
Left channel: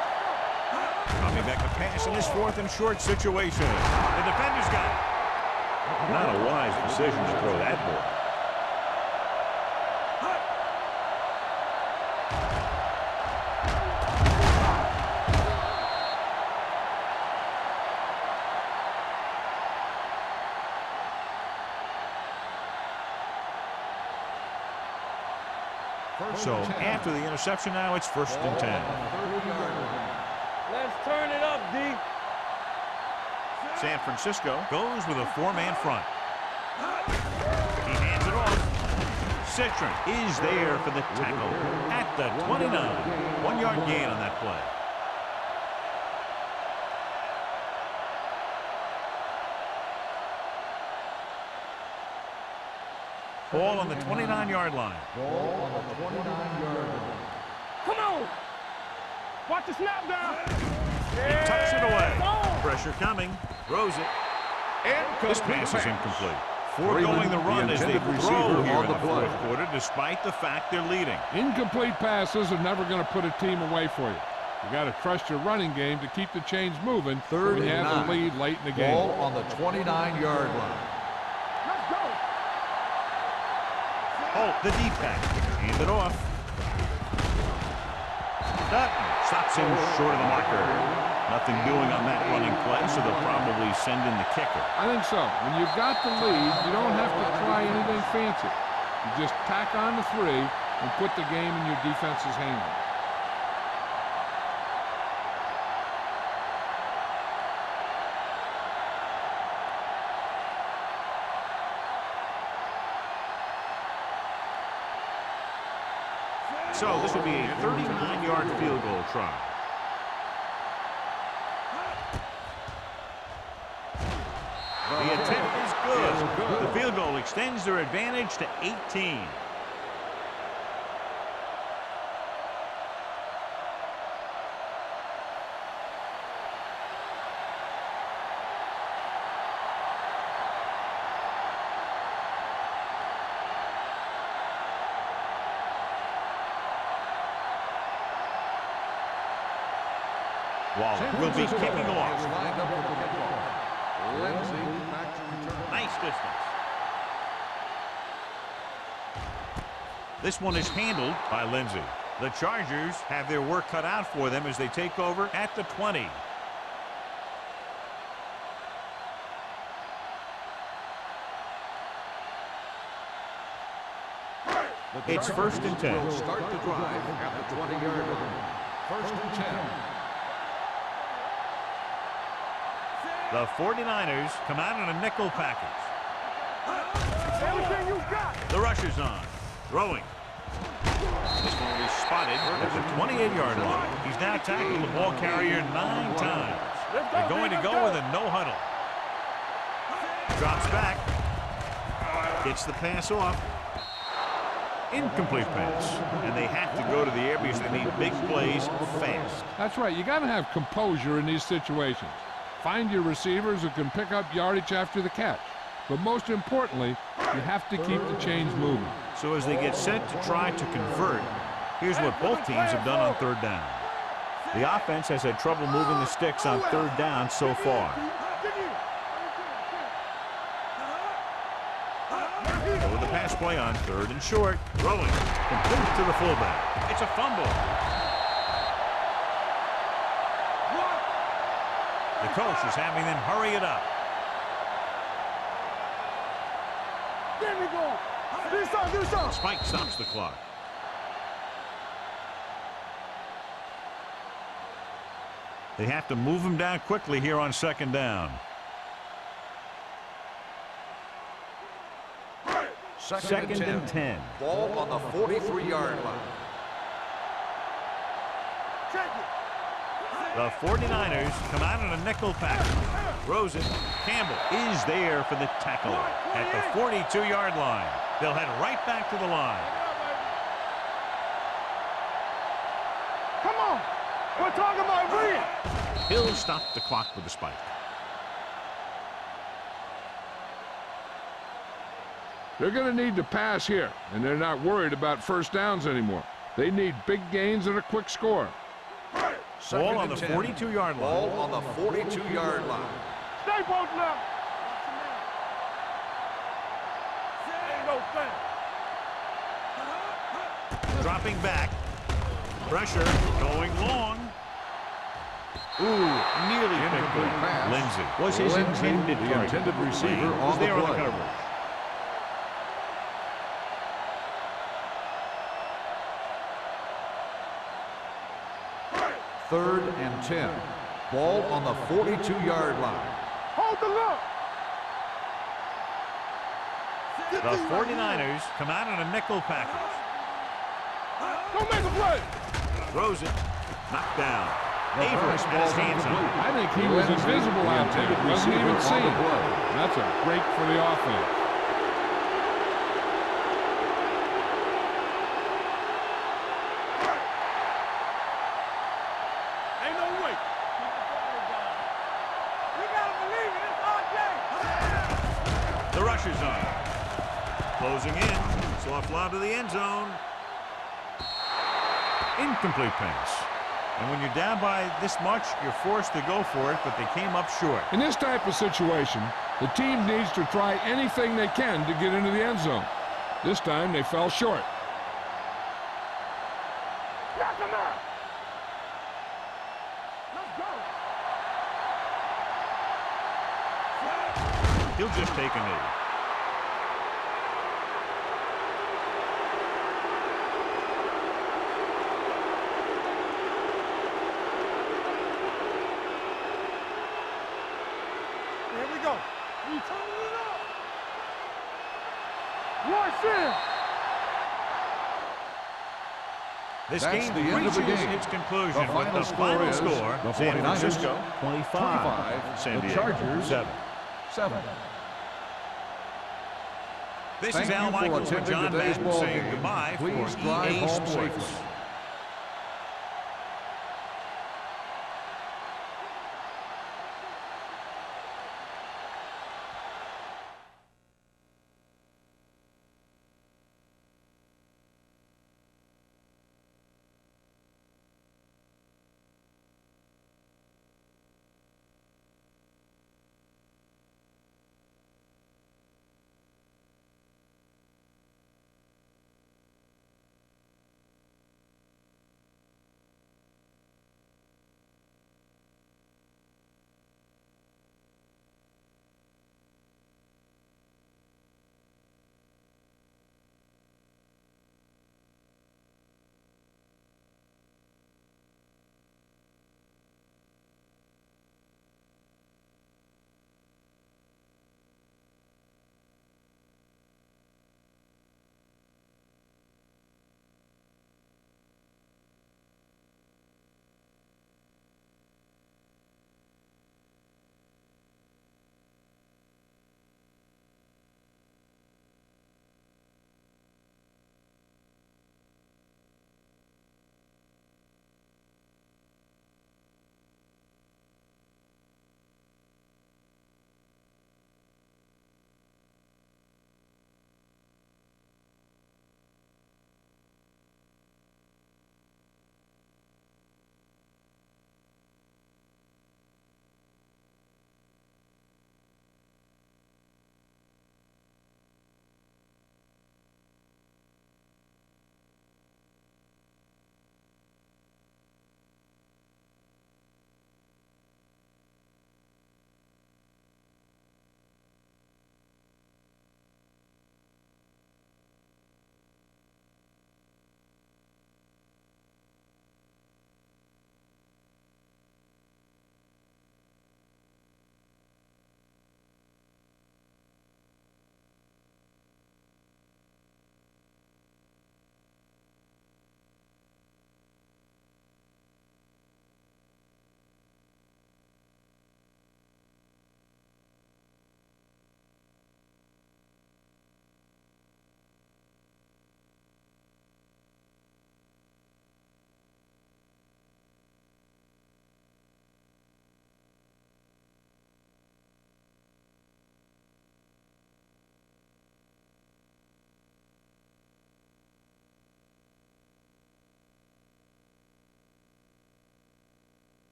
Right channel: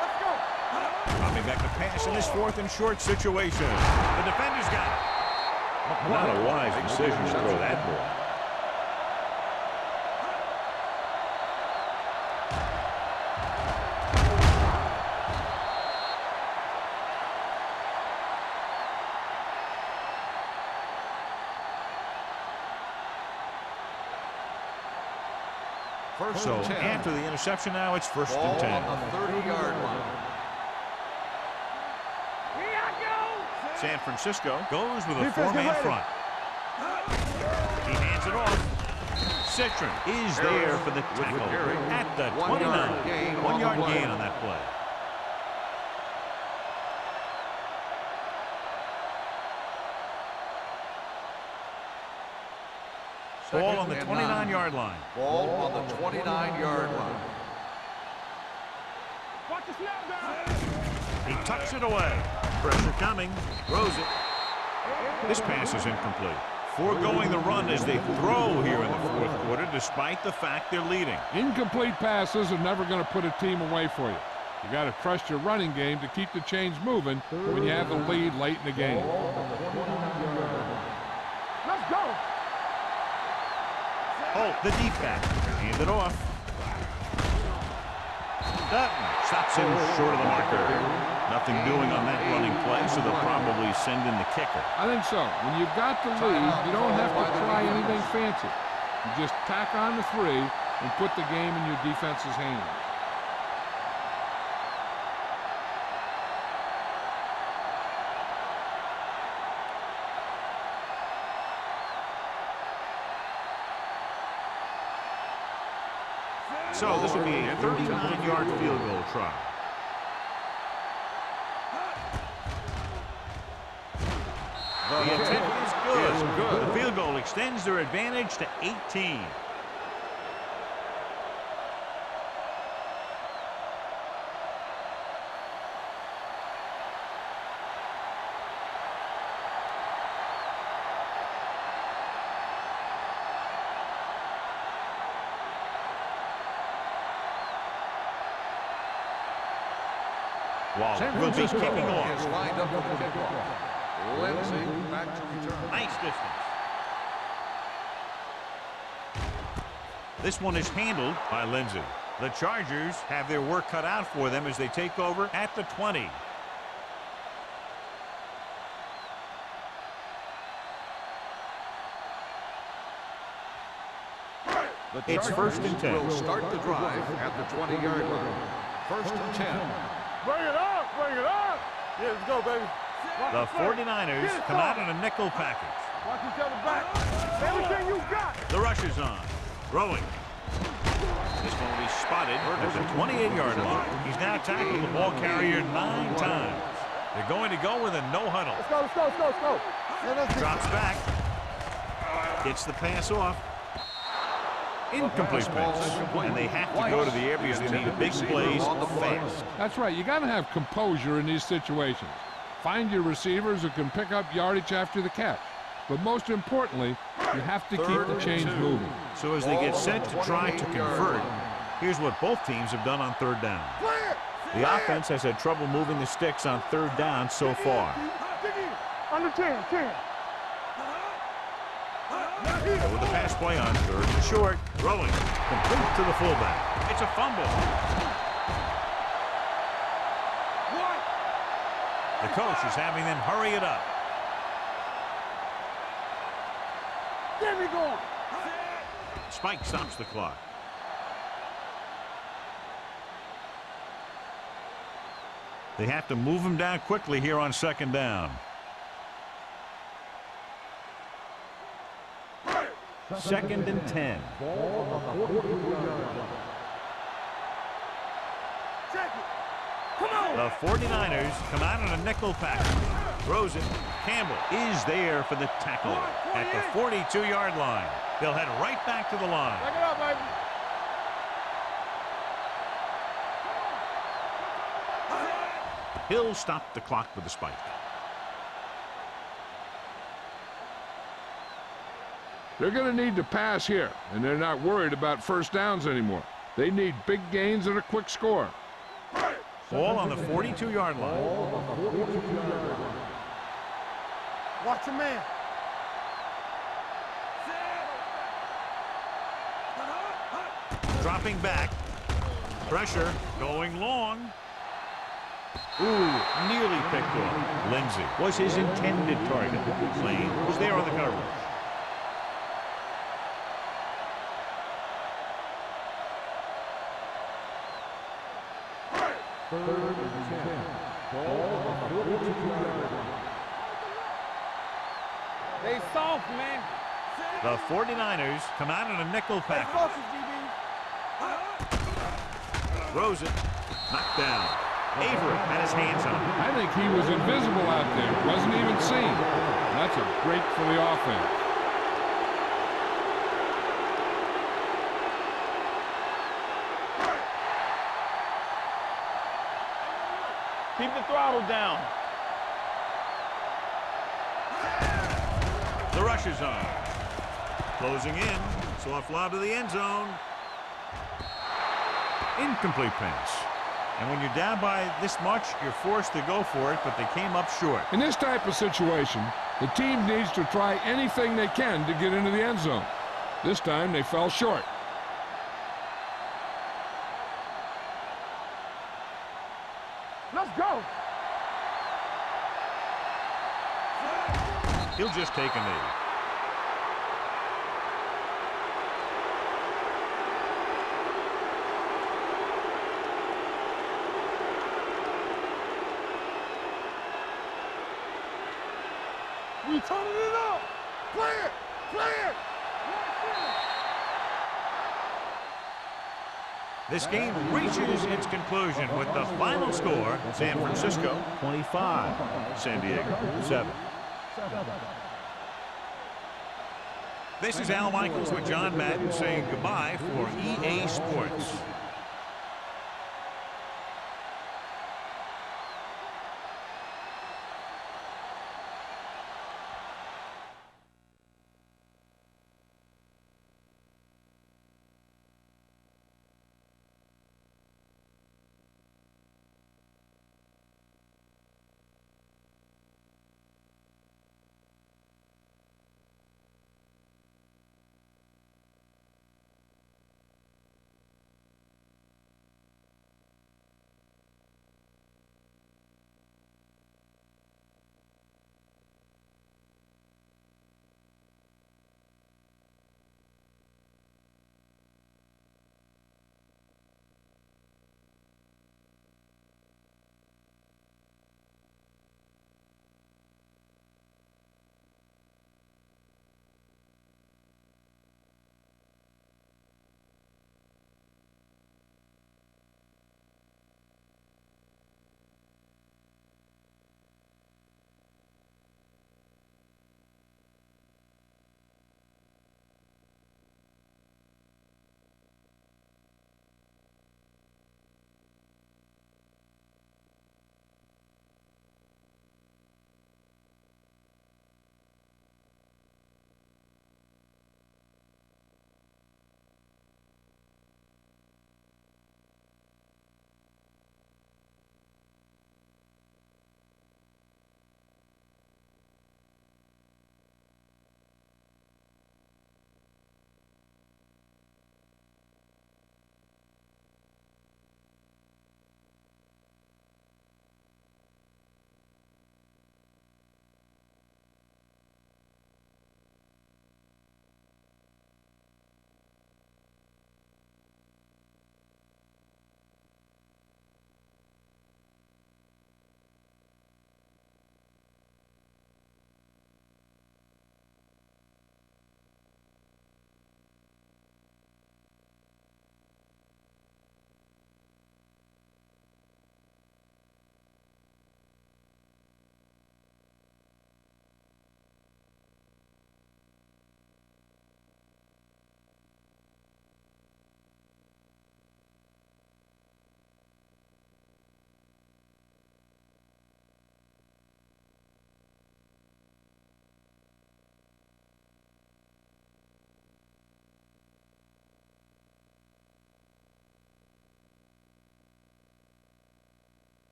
Let's go. Coming back to pass in this 4th and short situation. The defender's got it. Not a wise decision to throw that ball. So after the interception now, it's 1st and 10. On the 30-yard line. Let's turn it up, D. Here I go. San Francisco goes with a 4-man front. He hands it off. Citron is there for the tackle at the 29. 1-yard gain on that play. Ball on the 29-yard line. Ball on the 29-yard line. Come on. Watch the snap down. He tucks it away. Pressure coming. Throws it. This pass is incomplete. Foregoing the run as they throw here in the 4th quarter, despite the fact they're leading. Incomplete passes are never going to put a team away for you. You got to trust your running game to keep the chains moving when you have the lead late in the game. Ball on the 29-yard line. Let's go. Holt, the deep back. Hand it off. Dutton stops him short of the marker. Nothing doing on that running play, so they'll probably send in the kicker. I think so. When you've got the lead, you don't have to try anything fancy. You just tack on the 3 and put the game in your defense's hands. So this will be a 39-yard field goal try. The attempt is good. The field goal extends their advantage to 18. Waller will be kicking off. Is lined up for the kickoff. Lindsay back to return. Nice distance. This one is handled by Lindsay. The Chargers have their work cut out for them as they take over at the 20. It's first and 10. Will start the drive at the 20-yard line. First and 10. Bring it up, bring it up. Yeah, let's go, baby. The 49ers come out in a nickel package. Everything you got. The rush is on. Throwing. This one will be spotted at the 28-yard line. He's now tackled the ball carrier 9 times. They're going to go with a no huddle. Let's go. Drops back. Gets the pass off. Incomplete pass. And they have to go to the air because they need big plays fast. That's right. You got to have composure in these situations. Find your receivers who can pick up yardage after the catch. But most importantly, you have to keep the chains moving. So as they get set to try to convert, here's what both teams have done on third down. The offense has had trouble moving the sticks on third down so far. Dig in. Under 10. Go with the pass play on third and short. Throwing. Complete to the fullback. It's a fumble. The coach is having them hurry it up. Get me going. Do something. Spike stops the clock. They have to move him down quickly here on second down. Second and 10. Ball on the 43-yard line. Check it. The 49ers come out in a nickel package. Throws it. Campbell is there for the tackle at the 42-yard line. They'll head right back to the line. Back it up, baby. Come on. We're talking about win. He'll stop the clock with a spike. They're going to need to pass here, and they're not worried about first downs anymore. They need big gains and a quick score. Ball on the 42-yard line. Ball on the 42-yard line. Stay posted up. Watch your man. Dropping back. Pressure going long. Ooh, nearly picked off. Lindsay was his intended target. Lane was there on the coverage. Third and 10. Ball on the 42-yard line. Hold the look. They soft, man. The 49ers come out in a nickel package. Don't make him run. Throws it. Knocked down. Avery had his hands on it. I think he was invisible out there. Wasn't even seen. That's a break for the offense. Keep the throttle down. The rush is on. Closing in. Soft lob to the end zone. Incomplete pass. And when you're down by this much, you're forced to go for it, but they came up short. In this type of situation, the team needs to try anything they can to get into the end zone. This time they fell short. Let's go. He'll just take a knee. Here we go. We turning it up. Play it. Watch it. This game reaches its conclusion with the final score, San Francisco 25, San Diego 7. This is Al Michaels with John Madden saying goodbye for EA Sports.